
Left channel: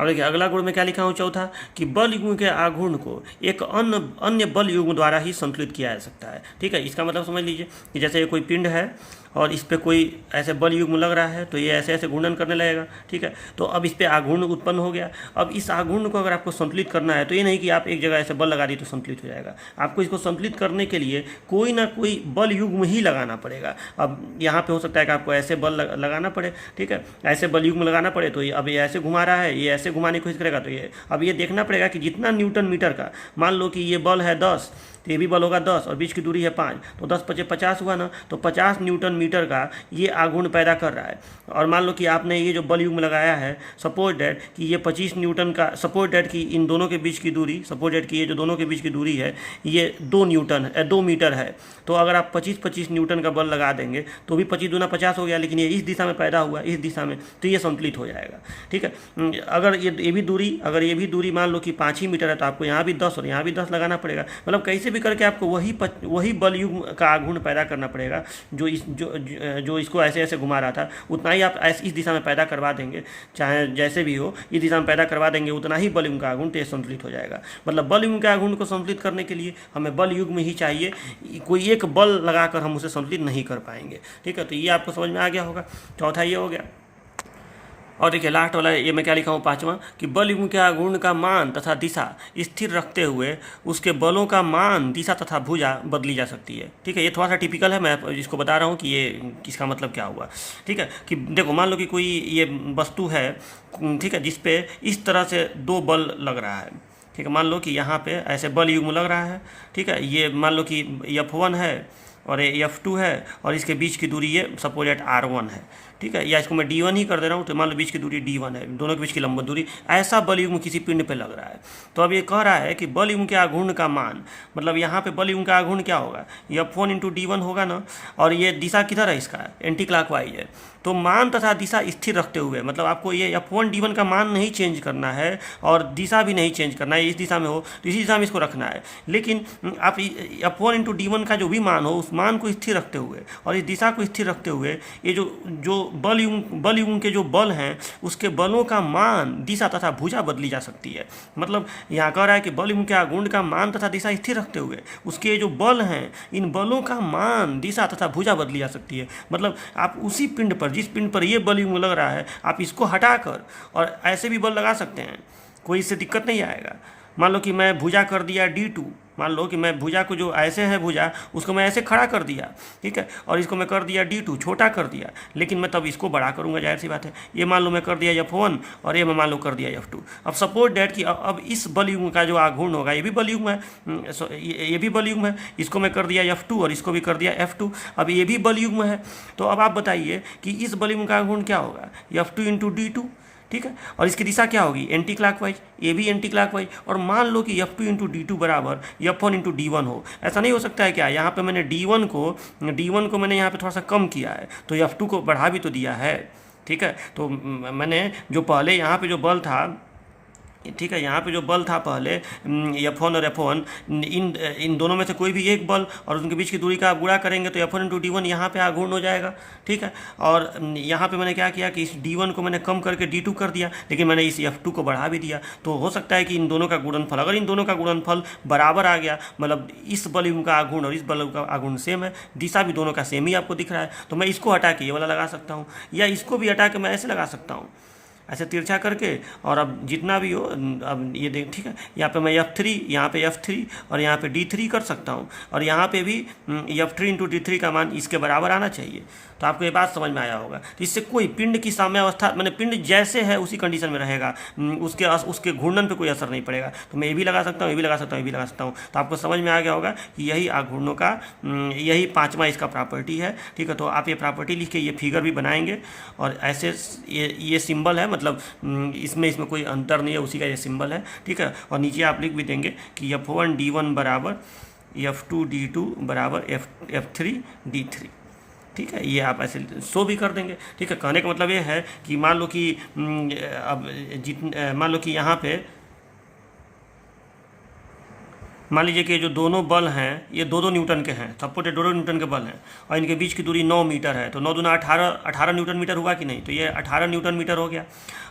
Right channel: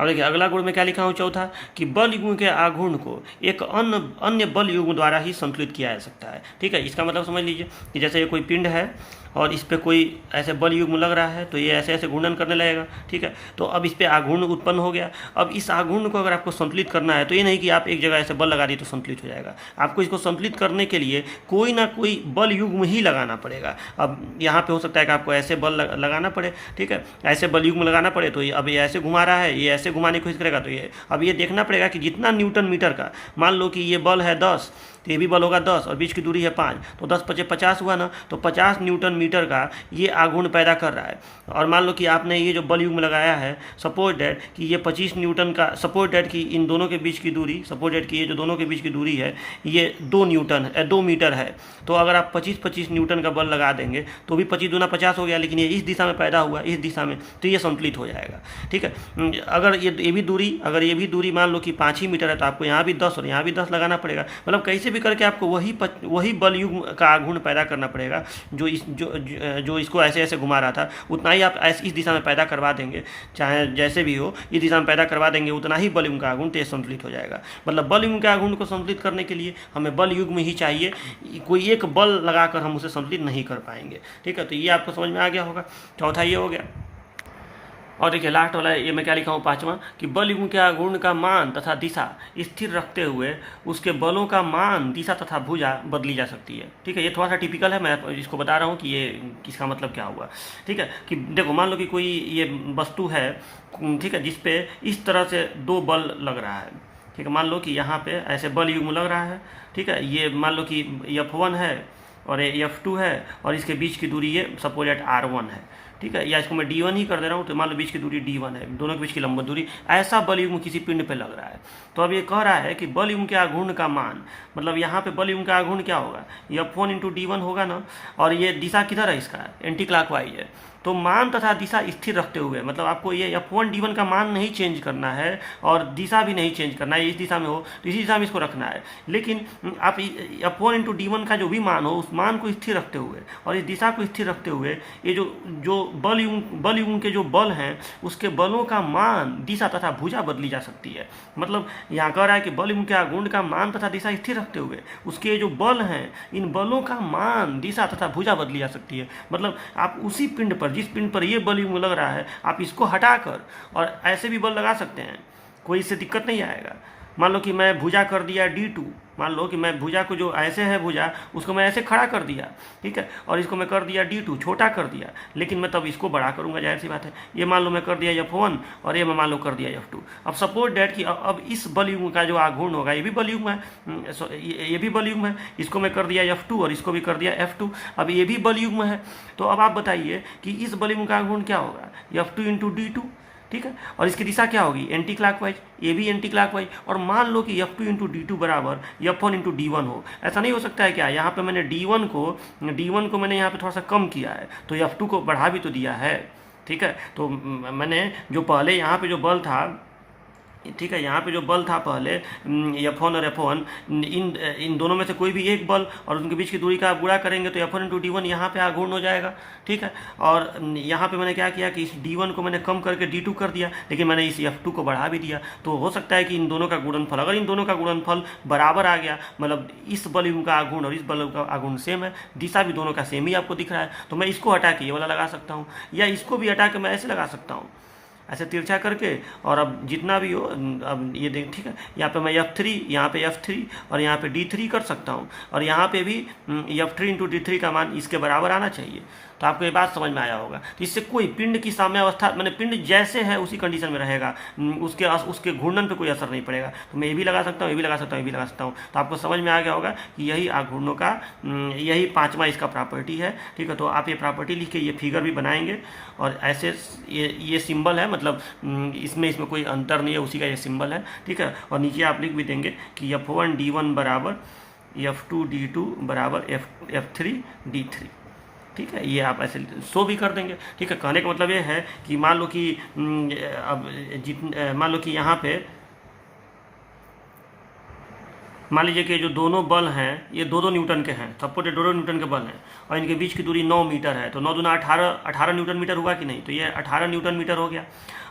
और देखिए अगला गुण में क्या लिखा हूँ, चौथा, कि बल युग्म के आघूर्ण को एक अन्य बल युग्म द्वारा ही संतुलित किया जा सकता है। ठीक है, इसका मतलब समझ लीजिए कि जैसे ये कोई पिंड है और इस पर कोई ऐसे बल युग्म लग रहा है, तो ये ऐसे ऐसे घूर्णन करने लगेगा। ठीक है, तो अब इस पर आघूर्ण उत्पन्न हो गया। अब इस आघूर्ण को अगर आपको संतुलित करना है, तो ये नहीं कि आप एक जगह ऐसे बल लगा दिए तो संतुलित हो जाएगा। आपको इसको संतुलित करने के लिए कोई ना कोई बल युग्म ही लगाना पड़ेगा। अब यहाँ पे हो सकता है कि आपको ऐसे बल लगाना पड़े। ठीक है, ऐसे बल युग्म लगाना पड़े, तो अब ये ऐसे घुमा रहा है, ये ऐसे घुमाने की कोशिश करेगा, तो ये अब ये देखना पड़ेगा कि जितना न्यूटन मीटर का, मान लो कि ये बल है 10, तो ये भी बल होगा 10 और बीच की दूरी है 5, तो 10 × 50 हुआ ना, तो 50 न्यूटन मीटर का ये आघूर्ण पैदा कर रहा है। और मान लो कि आपने ये जो बल युग्म लगाया है, सपोज डैट कि ये 25 न्यूटन का, सपोज डैट कि इन दोनों के बीच की दूरी, सपोज डैट कि ये जो दोनों के बीच की दूरी है ये 2 मीटर है, तो अगर आप 25 न्यूटन का बल लगा देंगे तो भी 25 दूना 50 हो गया, लेकिन ये इस दिशा में पैदा हुआ, इस दिशा में, तो ये संतुलित हो जाएगा। ठीक है, अगर ये भी दूरी मान लो कि 5 ही मीटर है, तो आपको यहाँ भी 10 और यहाँ भी 10 लगाना पड़ेगा। मतलब कैसे भी करके आपको वही बल युग्म का आघूर्ण पैदा करना पड़ेगा जो इसको ऐसे ऐसे घुमा रहा था, उतना ही आप इस दिशा में पैदा करवा देंगे, चाहे जैसे भी हो, इस दिशा में पैदा करवा देंगे, उतना ही बल युग्म का आघूर्ण तेज संतुलित हो जाएगा। मतलब बल युग्म के आघूर्ण को संतुलित करने के लिए हमें बल युग्म ही चाहिए, कोई एक बल लगाकर हम उसे संतुलित नहीं कर पाएंगे। ठीक है, तो ये आपको समझ में आ गया होगा। चौथा ये हो गया। और देखिए लास्ट वाला ये मैं क्या लिखा हूँ, पाँचवां, कि बल युग्म के आघूर्ण का मान तथा दिशा स्थिर रखते हुए उसके बलों का मान, दिशा तथा भुजा बदली जा सकती है। ठीक है, ये थोड़ा सा टिपिकल है, मैं इसको बता रहा हूँ कि ये इसका मतलब क्या हुआ। ठीक है, कि देखो मान लो कि कोई ये वस्तु है, ठीक है, जिसपे इस तरह से 2 बल लग रहा है। ठीक है, मान लो कि यहाँ पे ऐसे बल युग्म लग रहा है। ठीक है, ये मान लो कि F1 है और ये F2 है और इसके बीच की दूरी ये सपोज एट R1 है। ठीक है, या इसको मैं D1 ही कर दे रहा हूँ, तो मान लो बीच की दूरी D1 है, दोनों के बीच की लंबवत दूरी, ऐसा बल युग्म किसी पिंड पे लग रहा है। तो अब ये कह रहा है कि बल युग्म के आघूर्ण का मान, मतलब यहाँ पे बल युग्म का आघूर्ण क्या होगा, F1 × D1 होगा ना, और ये दिशा किधर है, इसका एंटी क्लॉकवाइज है। तो मान तथा दिशा स्थिर रखते हुए, मतलब आपको ये F1 D1 का मान नहीं चेंज करना है और दिशा भी नहीं चेंज करना है, इस दिशा में हो तो इसी दिशा में इसको रखना है। लेकिन आप F1 × D1 का जो भी मान हो, उस मान को स्थिर रखते हुए और इस दिशा को स्थिर रखते हुए, ये जो बल युग्म के जो बल हैं, उसके बलों का मान, दिशा तथा भुजा बदली जा सकती है। मतलब यहाँ कह रहा है कि बल युग्म के आघूर्ण का मान तथा दिशा स्थिर रखते हुए उसके जो बल हैं, इन बलों का मान, दिशा तथा भुजा बदली जा सकती है। मतलब आप उसी पिंड पर, जिस पिंड पर ये बल युग्म लग रहा है, आप इसको हटाकर और ऐसे भी बल लगा सकते हैं, कोई इससे दिक्कत नहीं आएगा। मान लो कि मैं भुजा कर दिया D2, मान लो कि मैं भुजा को जो ऐसे है भुजा, उसको मैं ऐसे खड़ा कर दिया। ठीक है, और इसको मैं कर दिया D2, छोटा कर दिया, लेकिन मैं तब इसको बड़ा करूंगा, जाहिर सी बात है। ये मान लो मैं कर दिया F1 और ये मैं मान लो कर दिया F2। अब सपोज डैट कि अब इस बल युग्म का जो आघूर्ण होगा, ये भी बल युग्म है, ये भी बल युग्म है, इसको मैं कर दिया F2 और इसको भी कर दिया F2, अब ये भी बल युग्म है। तो अब आप बताइए कि इस बल युग्म का आघूर्ण क्या होगा, F2 × D2। ठीक है, और इसकी दिशा क्या होगी, एंटी क्लॉकवाइज, ये भी एंटी क्लॉकवाइज। और मान लो कि F2 × D2 बराबर F1 × D1 हो। ऐसा नहीं हो सकता है क्या, यहाँ पे मैंने D1 को मैंने यहाँ पे थोड़ा सा कम किया है, तो F2 को बढ़ा भी तो दिया है। ठीक है, तो मैंने जो पहले यहाँ पे जो बल था, ठीक है, यहाँ पे जो बल था पहले F1 और F1, इन दोनों में से कोई भी एक बल और उनके बीच की दूरी का आप गुणा करेंगे तो F1 × D1 यहाँ पे आघूर्ण हो जाएगा। ठीक है, और यहाँ पे मैंने क्या किया कि इस D1 को मैंने कम करके D2 कर दिया, लेकिन मैंने इस F2 को बढ़ा भी दिया। तो हो सकता है कि इन दोनों का गुणनफल, अगर इन दोनों का गुणनफल बराबर आ गया, मतलब इस बल युग्म का आघूर्ण और इस बल युग्म का आघूर्ण सेम है, दिशा भी दोनों का सेम ही आपको दिख रहा है, तो मैं इसको हटा के ये वाला लगा सकता हूँ, या इसको भी हटा के मैं ऐसे लगा सकता हूँ, ऐसे तिरछा करके। और अब जितना भी हो, अब ये देख, ठीक है, यहाँ पे मैं F3, यहाँ पे F3 और यहाँ पे D3 कर सकता हूँ, और यहाँ पे भी F3 × D3 का मान इसके बराबर आना चाहिए। तो आपको ये बात समझ में आया होगा। तो इससे कोई पिंड की साम्यावस्था, मैंने पिंड जैसे है उसी कंडीशन में रहेगा, उसके घूर्णन पे कोई असर नहीं पड़ेगा। तो मैं ये भी लगा सकता हूँ, ये भी लगा सकता हूँ, ये भी लगा सकता हूँ। तो आपको समझ में आ गया होगा कि यही आघूर्णों का यही पांचवा इसका प्रॉपर्टी है। ठीक है, तो आप ये प्रॉपर्टी लिख के ये फिगर भी बनाएंगे और ऐसे ये सिंबल है, मतलब इसमें कोई अंतर नहीं है, उसी का ये सिंबल है। ठीक है, और नीचे आप लिख भी देंगे कि F1D1 बराबर F2D2 बराबर F3D3। ठीक है, ये आप ऐसे शो भी कर देंगे। ठीक है, कहने का मतलब ये है कि मान लो कि मान लो कि यहाँ पे मान लीजिए कि जो दोनों बल हैं ये 2-2 न्यूटन के हैं, सपोर्टेड 2-2 न्यूटन के बल हैं और इनके बीच की दूरी 9 मीटर है। तो 9 दूना 18 न्यूटन मीटर हुआ कि नहीं? तो ये 18 न्यूटन मीटर हो गया।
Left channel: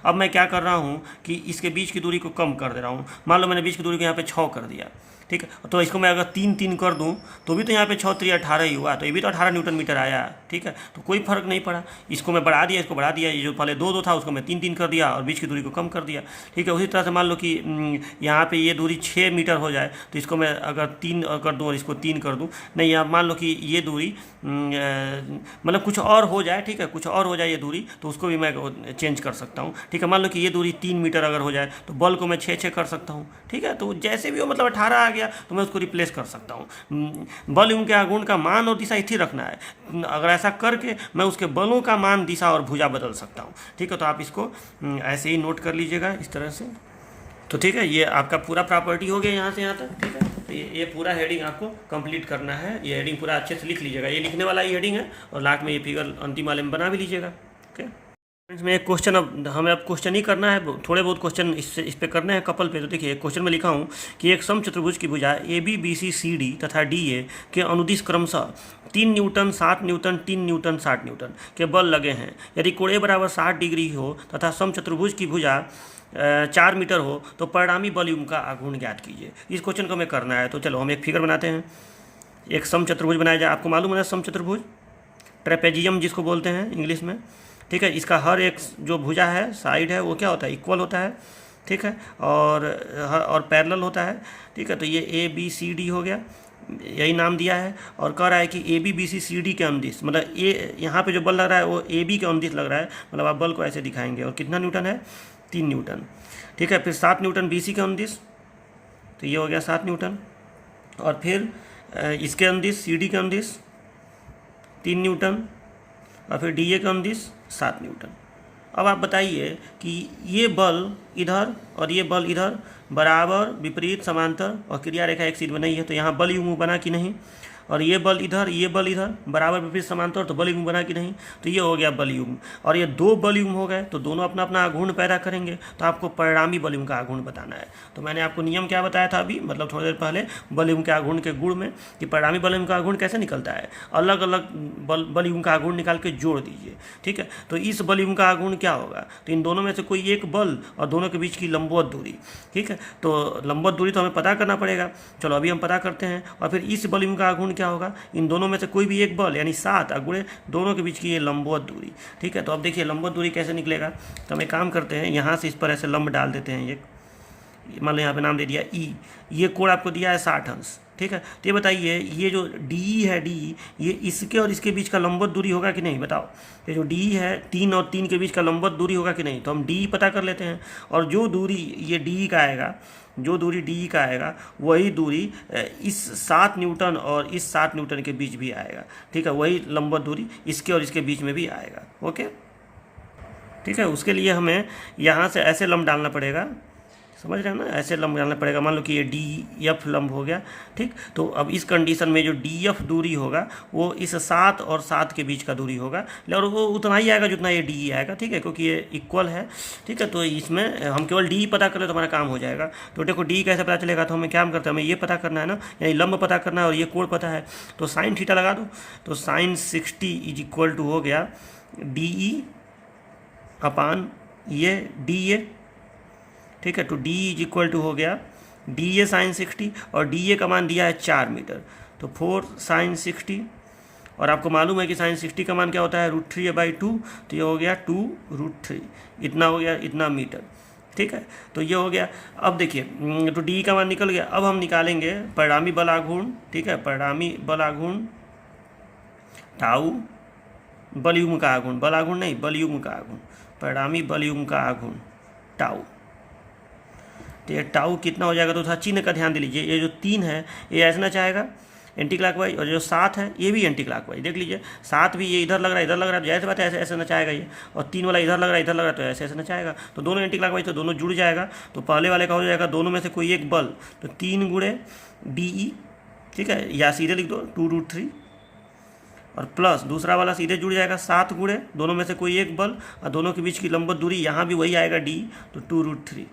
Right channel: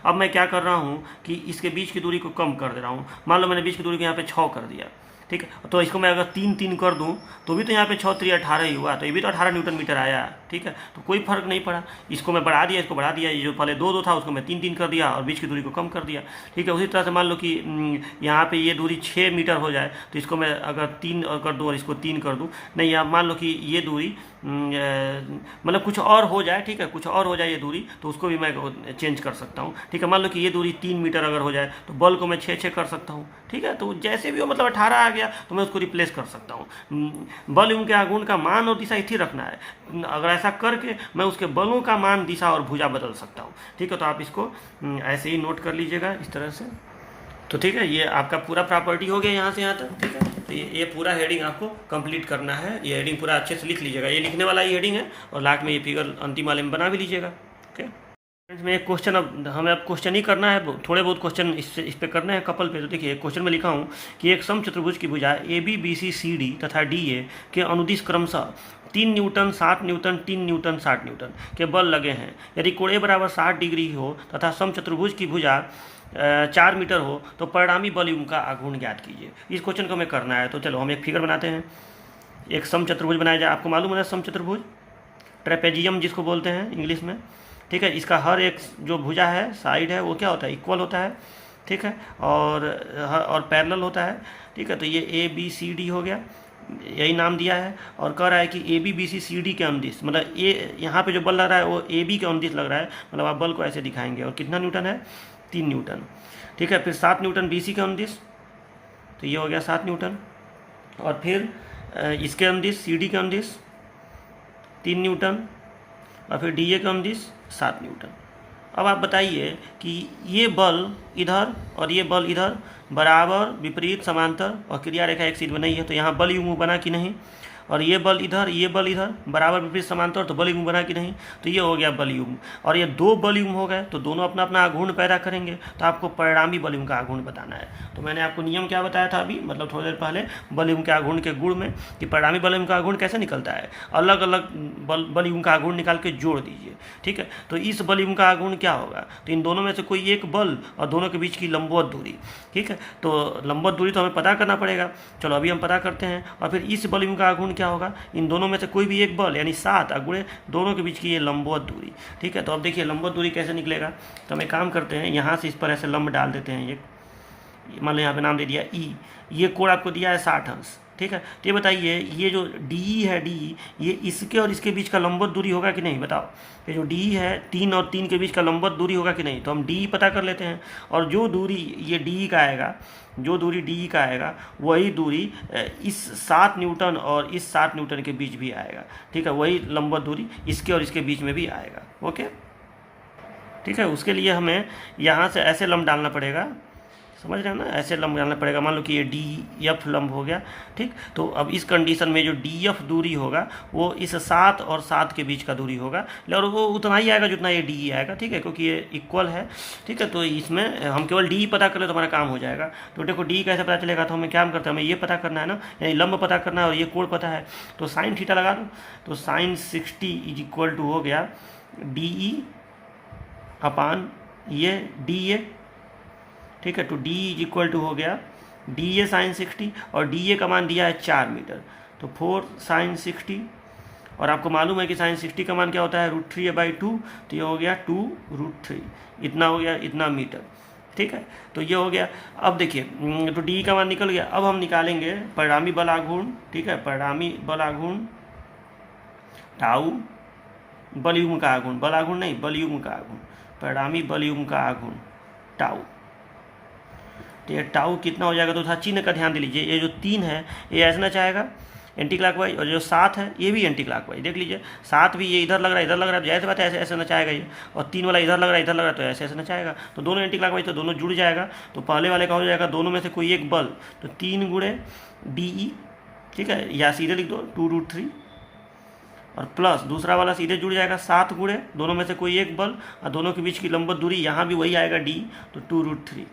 अब मैं क्या कर रहा हूँ कि इसके बीच की दूरी को कम कर दे रहा हूँ। मान लो मैंने बीच की दूरी को यहाँ पे 6 कर दिया। ठीक है, तो इसको मैं अगर 3-3 कर दूं तो भी तो यहाँ पे 6-3 18 ही हुआ, तो ये भी तो 18 न्यूटन मीटर आया। ठीक है, तो कोई फर्क नहीं पड़ा। इसको मैं बढ़ा दिया, इसको बढ़ा दिया, ये जो पहले 2-2 था उसको मैं 3-3 कर दिया और बीच की दूरी को कम कर दिया। ठीक है, उसी तरह से मान लो कि यहाँ पे ये दूरी 6 मीटर हो जाए तो इसको मैं अगर 3 कर दूँ और इसको 3 कर दूँ, नहीं यहाँ मान लो कि ये दूरी मतलब कुछ और हो जाए। ठीक है, कुछ और हो जाए ये दूरी, तो उसको भी मैं चेंज कर सकता हूँ। ठीक है, मान लो कि ये दूरी 3 मीटर अगर हो जाए तो बल को मैं 6-6 कर सकता हूँ। ठीक है, तो जैसे भी हो, मतलब 18 आ गया तो मैं उसको रिप्लेस कर सकता हूँ। बल उनके आघूर्ण का मान और दिशा स्थिर रखना है। अगर ऐसा करके मैं उसके बलों का मान, दिशा और भुजा बदल सकता हूँ। ठीक है, तो आप इसको ऐसे ही नोट कर लीजिएगा इस तरह से। तो ठीक है, ये आपका पूरा प्रॉपर्टी हो गया यहाँ से यहाँ तक। ठीक है, तो ये पूरा हेडिंग आपको कंप्लीट करना है। ये हेडिंग पूरा अच्छे से लिख लीजिएगा, ये लिखने वाला ये हेडिंग है और लास्ट में ये फिगर अंतिम वाले में बना भी लीजिएगा। ओके, इसमें एक क्वेश्चन, अब हमें क्वेश्चन ही करना है, थोड़े बहुत क्वेश्चन इस पे करने हैं कपल पे। तो देखिए एक क्वेश्चन में लिखा हूँ कि एक समचतुर्भुज की भुजा ABBCCD तथा DA के अनुदिश क्रमशः 3 न्यूटन 7 न्यूटन 3 न्यूटन 60 न्यूटन के बल लगे हैं। यदि कोण बराबर 60 डिग्री हो तथा समचतुर्भुज की भुजा 4 मीटर हो तो परिणामी बल युग्म का आघूर्ण ज्ञात कीजिए। इस क्वेश्चन को हमें करना है। तो चलो हम एक फिगर बनाते हैं। एक समचतुर्भुज बनाया जाए। आपको मालूम है समचतुर्भुज, ट्रेपेजियम जिसको बोलते हैं इंग्लिश में। ठीक है, इसका हर एक जो भुजा है, साइड है, वो क्या होता है? इक्वल होता है। ठीक है, और पैरेलल होता है। ठीक है, तो ये ABCD हो गया, यही नाम दिया है। और कह रहा है कि ABBCCD के अनुदिश, मतलब ये यहाँ पे जो बल लग रहा है वो AB के अनुदिश लग रहा है, मतलब आप बल को ऐसे दिखाएंगे। और कितना न्यूटन है? 3 न्यूटन। ठीक है, फिर 7 न्यूटन BC के अनुदिश, तो ये हो गया 7 न्यूटन। और फिर इसके अनुदिश CD के अनुदिश 3 न्यूटन और फिर DA के अनुदिश 7 न्यूटन। अब आप बताइए कि ये बल इधर और ये बल इधर बराबर, विपरीत, समांतर और क्रिया रेखा एक सीध बनाई है, तो यहाँ बल युग्म बना कि नहीं? और ये बल इधर, ये बल इधर, बराबर, विपरीत, समांतर, तो बल युग्म बना कि नहीं? तो ये हो गया बल युग्म। और ये 2 बल युग्म हो गए तो दोनों अपना अपना आघूर्ण पैदा करेंगे, तो आपको परिणामी बल युग्म का आघूर्ण बताना है। तो मैंने आपको नियम क्या बताया था अभी, मतलब थोड़ी देर पहले, बल युग्म के आघूर्ण के गुण में, कि परिणामी बल युग्म का आघूर्ण कैसे निकलता है। अलग अलग बल युग्म का आघूर्ण निकाल के जोड़ दीजिए। ठीक है, तो इस बल युग्म का आघूर्ण क्या होगा? तो इन दोनों में से कोई एक बल और दोनों के बीच की लंबवत दूरी। ठीक है, तो लंबवत दूरी तो हमें पता करना पड़ेगा। चलो अभी हम पता करते हैं। और फिर इस बल युग्म का आघूर्ण क्या होगा? इन दोनों में से कोई भी एक बल, यानी 7 गुणे दोनों के बीच की ये लंबवत दूरी। ठीक है, तो अब देखिए लंबवत दूरी कैसे निकलेगा। तो हम एक काम करते हैं, यहाँ से इस पर ऐसे लंब डाल देते हैं। एक मान लो यहाँ पे नाम दे दिया E। ये कोण आपको दिया है 60 अंश। ठीक है, तो ये बताइए ये जो DE है, DE ये इसके और इसके बीच का लंबवत दूरी होगा कि नहीं? बताओ। ये जो DE है, 3 और 3 के बीच का लंबवत दूरी होगा कि नहीं? तो हम DE पता कर लेते हैं। और जो दूरी ये DE का आएगा, जो दूरी DE का आएगा, वही दूरी इस 7 न्यूटन और इस 7 न्यूटन के बीच भी आएगा। ठीक है, वही लंबवत दूरी इसके और इसके बीच में भी आएगा। ओके, ठीक है, उसके लिए हमें यहाँ से ऐसे लंब डालना पड़ेगा, समझ रहे हैं ना? ऐसे लंब डालना पड़ेगा। मान लो कि ये DF लंब हो गया। ठीक, तो अब इस कंडीशन में जो DF दूरी होगा वो इस 7 और 7 के बीच का दूरी होगा, और वो उतना ही आएगा जितना ये DE आएगा। ठीक है, क्योंकि ये इक्वल है। ठीक है, तो इसमें हम केवल DE पता कर ले तो हमारा काम हो जाएगा। तो देखो DE कैसे पता चलेगा? तो हमें क्या करते हैं, हमें ये पता करना है ना, यानी लंब पता करना है और ये कोण पता है। तो साइन थीटा लगा दो। तो साइन 60 इज इक्वल टू हो गया DE अपान ये DA। ठीक है, तो DE इज इक्वल टू हो गया DA साइन 60, और DA का मान दिया है 4 मीटर, तो 4 साइन 60। और आपको मालूम है कि साइन 60 का मान क्या होता है? √3/2। तो ये हो गया 2√3, इतना हो गया, इतना मीटर। ठीक है, तो ये हो गया। अब देखिए, तो DE का मान निकल गया। अब हम निकालेंगे परिणामी बल आघूर्ण। ठीक है, परिणामी बल आघूर्ण टाउ बल युग्म का आघूर्ण, बल आघूर्ण नहीं, बल युग्म का आघूर्ण, परिणामी बल युग्म का आघूर्ण टाउ। तो ये टाउ कितना हो जाएगा, तो थोड़ा चिन्ह का ध्यान दे लीजिए। ये जो 3 है ये ऐसे ना चाहेगा एंटी क्लॉकवाइज, और जो 7 है ये भी एंटी क्लॉकवाइज। देख लीजिए 7 भी ये इधर लग रहा है, इधर लग रहा है, जैसे बात है ऐसे ऐसे नचाएगा ये, और 3 वाला इधर लग रहा है, इधर लग रहा है, तो ऐसे ऐसे नचाएगा। तो दोनों एंटी क्लॉकवाइज, तो दोनों जुड़ जाएगा। तो पहले वाले का हो जाएगा दोनों में से कोई एक बल, तो 3 गुणे DE, ठीक है, या सीधे लिख दो 2√3, और प्लस दूसरा वाला सीधे जुड़ जाएगा 7 गुणे दोनों में से कोई एक बल, और दोनों के बीच की लंबवत दूरी यहाँ भी वही आएगा D, तो 2√3।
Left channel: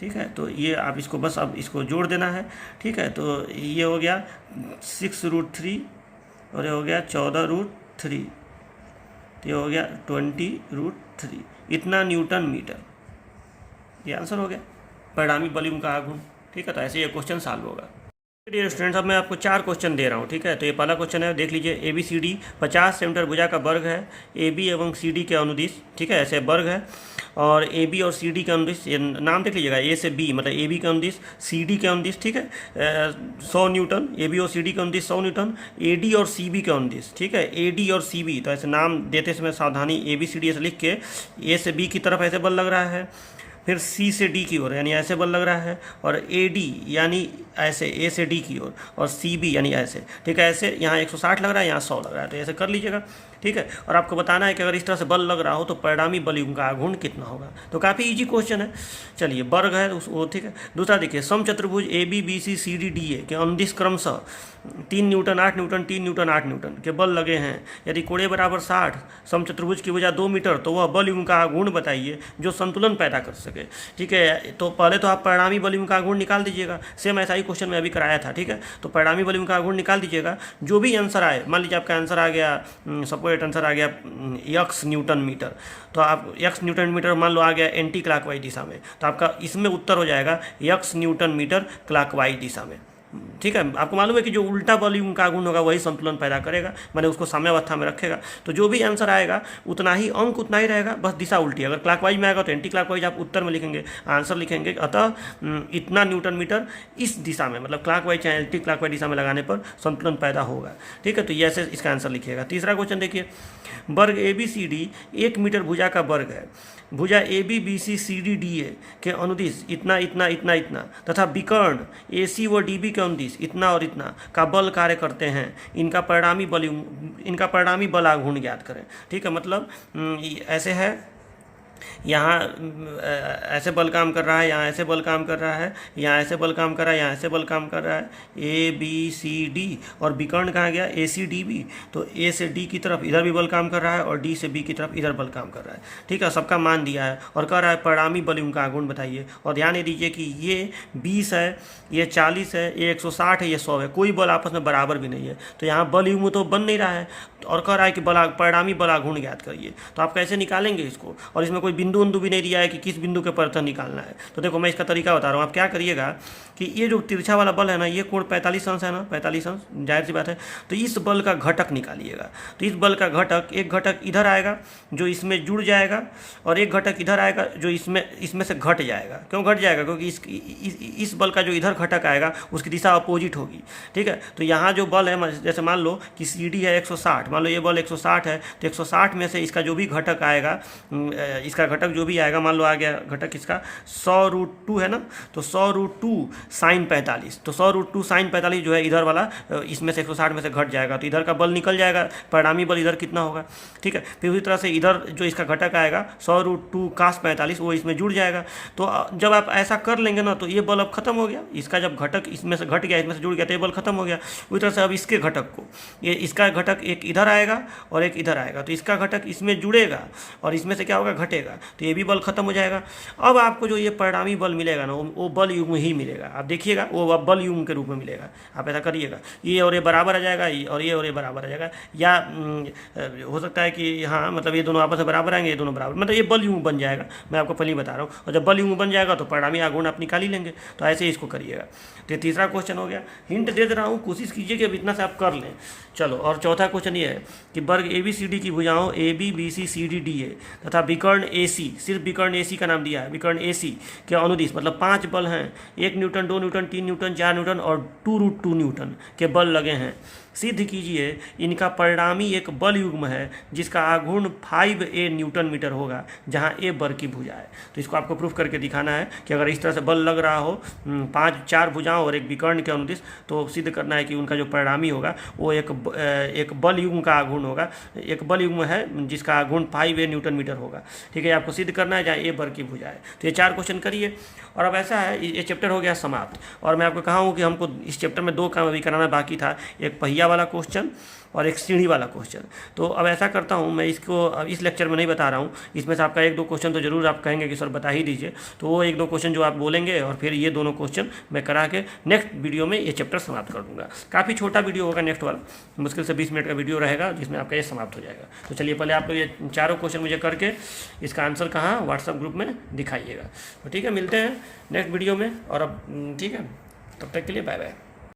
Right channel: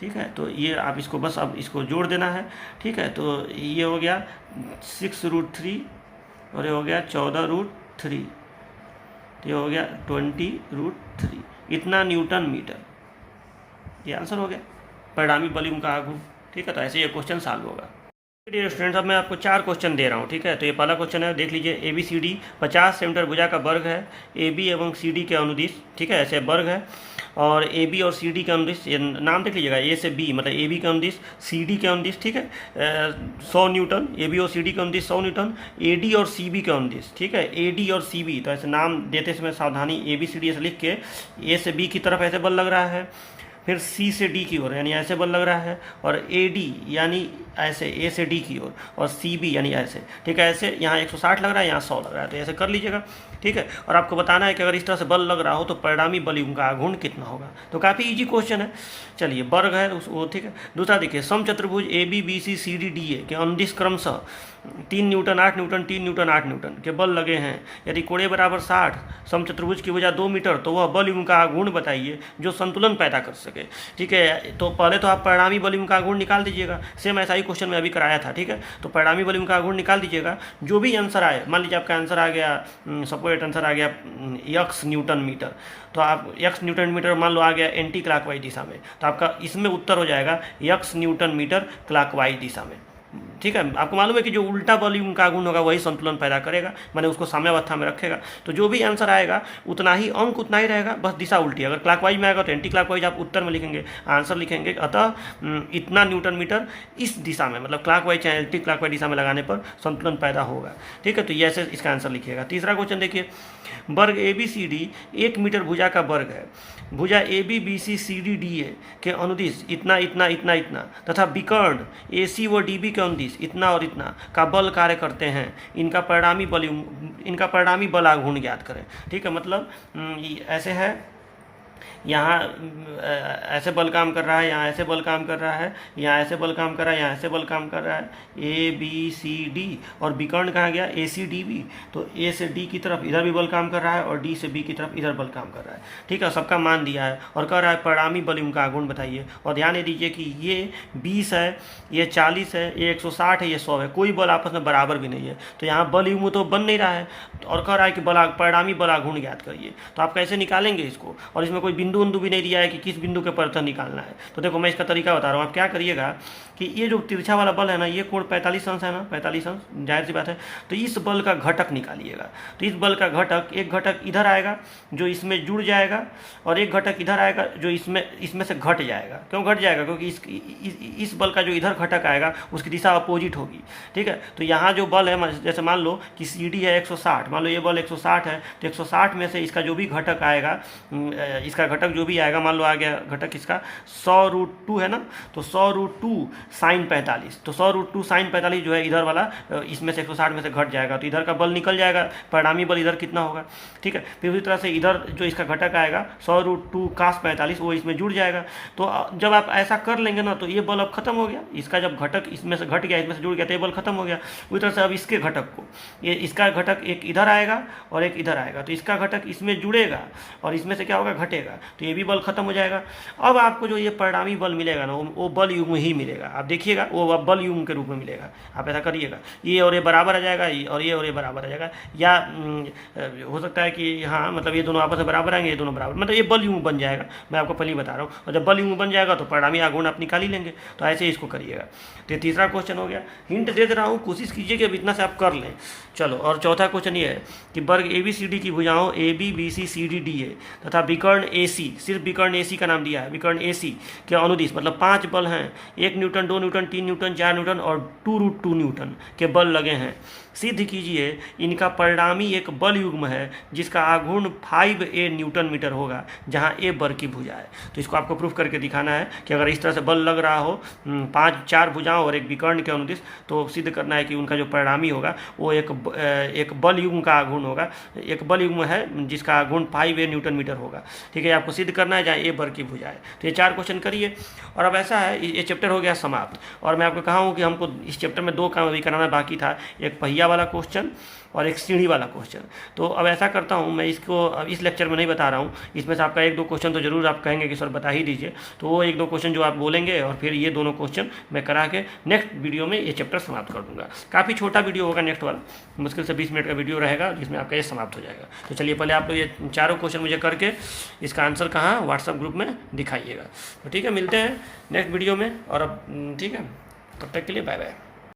ठीक है, तो ये आप इसको बस अब इसको जोड़ देना है। ठीक है, तो ये हो गया 6√3 और ये हो गया 14√3, तो ये हो गया 20√3, इतना न्यूटन मीटर। ये आंसर हो गया परिणामी बल युग्म का आघूर्ण। ठीक है, तो ऐसे ये क्वेश्चन सॉल्व होगा। डियर स्टूडेंट्स, अब मैं आपको 4 क्वेश्चन दे रहा हूँ। ठीक है, तो ये पहला क्वेश्चन है, देख लीजिए ABCD 50 सेंटीमीटर भुजा का वर्ग है, AB एवं CD के अनुदिश। ठीक है, ऐसे वर्ग है, और AB और CD के अनुदिश, ये नाम देख लीजिएगा, A से B मतलब AB के अनुदिश, CD के अनुदिश। ठीक है, 100 न्यूटन, AB और CD के अनुदिश 100 न्यूटन, AD और CB के अनुदिश। ठीक है, AD और CB, तो ऐसे नाम देते समय सावधानी, ABCD ऐसे लिख के A से B की तरफ ऐसे बल लग रहा है, फिर C से D की ओर यानी ऐसे बल लग रहा है, और AD यानी ऐसे A से D की ओर, और CB यानी ऐसे। ठीक है, ऐसे यहाँ 160 लग रहा है, यहाँ 100 लग रहा है, तो ऐसे कर लीजिएगा। ठीक है, और आपको बताना है कि अगर इस तरह से बल लग रहा हो तो परिणामी बल युग्म का आघूर्ण कितना होगा। तो काफ़ी इजी क्वेश्चन है। चलिए, वर्ग है वो, ठीक है। दूसरा देखिए, समचतुर्भुज ABBCCDDA के अनुदिश क्रमशः 3 न्यूटन 8 न्यूटन 3 न्यूटन 8 न्यूटन के बल लगे हैं। यदि कोणे बराबर 60, समचतुर्भुज की भुजा 2 मीटर, तो वह बल युग्म का आघूर्ण बताइए जो संतुलन पैदा कर सके। ठीक है, तो पहले तो आप परिणामी बल युग्म का आघूर्ण निकाल दीजिएगा, सेम ऐसा ही क्वेश्चन मैं अभी कराया था। ठीक है, तो परिणामी बल युग्म का आघूर्ण निकाल दीजिएगा। जो भी आंसर आए, मान लीजिए आपका आंसर आ गया, सपोज आंसर आ गया x न्यूटन मीटर, तो आप x न्यूटन मीटर मान लो आ गया एंटी क्लॉकवाइज दिशा में, तो आपका इसमें उत्तर हो जाएगा x न्यूटन मीटर क्लॉकवाइज दिशा में। ठीक है, आपको मालूम है कि जो उल्टा बल युग्म का आघूर्ण होगा वही संतुलन पैदा करेगा, मैंने उसको साम्यावस्था में रखेगा। तो जो भी आंसर आएगा उतना ही अंक उतना ही रहेगा, बस दिशा उल्टी। अगर क्लॉकवाइज में आएगा तो एंटी क्लॉकवाइज आप उत्तर में लिखेंगे, आंसर लिखेंगे। अतः इतना न्यूटन मीटर इस दिशा में, मतलब क्लॉकवाइज चाहे एंटी क्लॉकवाइज दिशा में लगाने पर संतुलन पैदा होगा। ठीक है, तो ये ऐसे इसका आंसर लिखिएगा। तीसरा क्वेश्चन देखिए, वर्ग ABCD 1 मीटर भुजा का वर्ग है। भुजा ABBCCDDA के अनुदिश इतना इतना इतना इतना तथा विकर्ण AC व DB के अनुदिश इतना और इतना का बल कार्य करते हैं। इनका परिणामी बल आघूर्ण ज्ञात करें। ठीक है, मतलब ऐसे है, यहाँ ऐसे बल काम कर रहा है, यहाँ ऐसे बल काम कर रहा है, यहाँ ऐसे बल काम कर रहा है, यहाँ ऐसे बल काम कर रहा है, ABCD, और विकर्ण कहाँ गया ACDB, तो A से D की तरफ इधर भी बल काम कर रहा है, और D से B की तरफ इधर बल काम कर रहा है। ठीक है, सबका मान दिया है और कह रहा है परिणामी बल युग्म का आघूर्ण बताइए। और ध्यान दीजिए कि ये 20 है, ये 40 है, ये 160 है, ये 100 है, कोई बल आपस में बराबर भी नहीं है, तो यहाँ बल युग्म तो बन नहीं रहा है, और कह रहा है कि परिणामी बल आघूर्ण ज्ञात करिए। तो आप कैसे निकालेंगे इसको, और इसमें कोई बिंदु भी नहीं दिया है कि किस बिंदु के पर निकालना है। तो देखो मैं इसका तरीका बता रहा हूँ। आप क्या करिएगा कि ये जो तिरछा वाला बल है ना, ये कोण 45 अंश है ना, 45 अंश, जाहिर सी बात है। तो इस बल का घटक निकालिएगा। तो इस बल का घटक, एक घटक इधर आएगा जो इसमें जुड़ जाएगा, और एक घटक इधर आएगा जो इसमें से घट जाएगा। क्यों घट जाएगा? क्योंकि इस बल का जो इधर घटक आएगा उसकी दिशा अपोजिट होगी। ठीक है, तो यहाँ जो बल है, जैसे मान लो कि CD है 160, मान लो ये बल 160 है, तो 160 में से इसका जो भी घटक आएगा, इसका घटक जो भी आएगा, मान लो आ गया घटक इसका 100√2 है ना, तो 100√2 sin 45, तो 100√2 sin 45 जो है इधर वाला, इसमें से 160 में से घट जाएगा, तो इधर का बल निकल जाएगा, परिणामी बल इधर कितना होगा। ठीक है, फिर उसी तरह से इधर जो इसका घटक आएगा 100√2 cos 45 वो इसमें जुड़ जाएगा। तो जब आप ऐसा कर लेंगे ना, तो ये बल अब खत्म हो गया। इसका जब घटक इसमें से घट गया, इसमें से जुड़ गया, तो ये बल खत्म हो गया। उसी तरह से अब इसके घटक को, ये इसका घटक एक इधर आएगा और एक इधर आएगा, तो इसका घटक इसमें जुड़ेगा और इसमें से क्या होगा, घटेगा, तो ये भी बल खत्म हो जाएगा। अब आपको जो ये परिणामी बल मिलेगा ना, वो बल युग्म ही मिलेगा। आप देखिएगा, वो बल युग्म के रूप में मिलेगा। आप ऐसा करिएगा, ये और ये बराबर आ जाएगा, और ये और ये बराबर आ जाएगा, या हो सकता है कि हाँ, मतलब ये दोनों आपस में बराबर आएंगे, ये दोनों बराबर, मतलब ये बल युग्म बन जाएगा। मैं आपको पहले ही बता रहा हूँ। और जब बल युग्म बन जाएगा तो परिणामी आघूर्ण आप निकाल ही लेंगे। तो ऐसे ही इसको करिएगा। तो तीसरा क्वेश्चन हो गया। हिंट दे रहा हूँ, कोशिश कीजिए कि अब इतना से आप कर लें। चलो, और चौथा क्वेश्चन ये है कि वर्ग ABCD की भुजाओं ABBCCDDA तथा विकर्ण AC, सिर्फ विकर्ण AC का नाम दिया है, विकर्ण AC के अनुदिश, मतलब 5 बल हैं, 1 न्यूटन, 2 न्यूटन, 3 न्यूटन, 4 न्यूटन और 2√2 न्यूटन के बल लगे हैं। सिद्ध कीजिए इनका परिणामी एक बल युग्म है जिसका आघूर्ण 5A न्यूटन मीटर होगा, जहां A बर की भुजा है। तो इसको आपको प्रूफ करके दिखाना है कि अगर इस तरह से बल लग रहा हो 4 भुजाओं और एक विकर्ण के अनुदिश, तो सिद्ध करना है कि उनका जो परिणामी होगा वो एक बल युग्म का आघूर्ण होगा, एक बल युग्म है जिसका आघूर्ण 5A न्यूटन मीटर होगा। ठीक है, आपको सिद्ध करना है जहाँ A बर की भुजा है। तो ये 4 क्वेश्चन करिए। और अब ऐसा है, ये चैप्टर हो गया समाप्त। और मैं आपको कहा हूँ कि हमको इस चैप्टर में 2 काम अभी कराना बाकी था, एक पहिया वाला क्वेश्चन और एक सीढ़ी वाला क्वेश्चन। तो अब ऐसा करता हूँ, मैं इसको अब इस लेक्चर में नहीं बता रहा हूँ, इसमें से आपका 1-2 क्वेश्चन तो जरूर आप कहेंगे कि सर बता ही दीजिए, तो वो 1-2 क्वेश्चन जो आप बोलेंगे और फिर ये दोनों क्वेश्चन मैं करा के नेक्स्ट वीडियो में ये चैप्टर समाप्त कर दूँगा। काफ़ी छोटा वीडियो होगा नेक्स्ट वाला, मुश्किल से 20 मिनट का वीडियो रहेगा जिसमें आपका ये समाप्त हो जाएगा। तो चलिए पहले आप लोग ये 4 क्वेश्चन मुझे करके इसका आंसर कहाँ व्हाट्सएप ग्रुप में दिखाइएगा। तो ठीक है, मिलते हैं नेक्स्ट वीडियो में। और अब ठीक है, तब तक के लिए बाय बाय।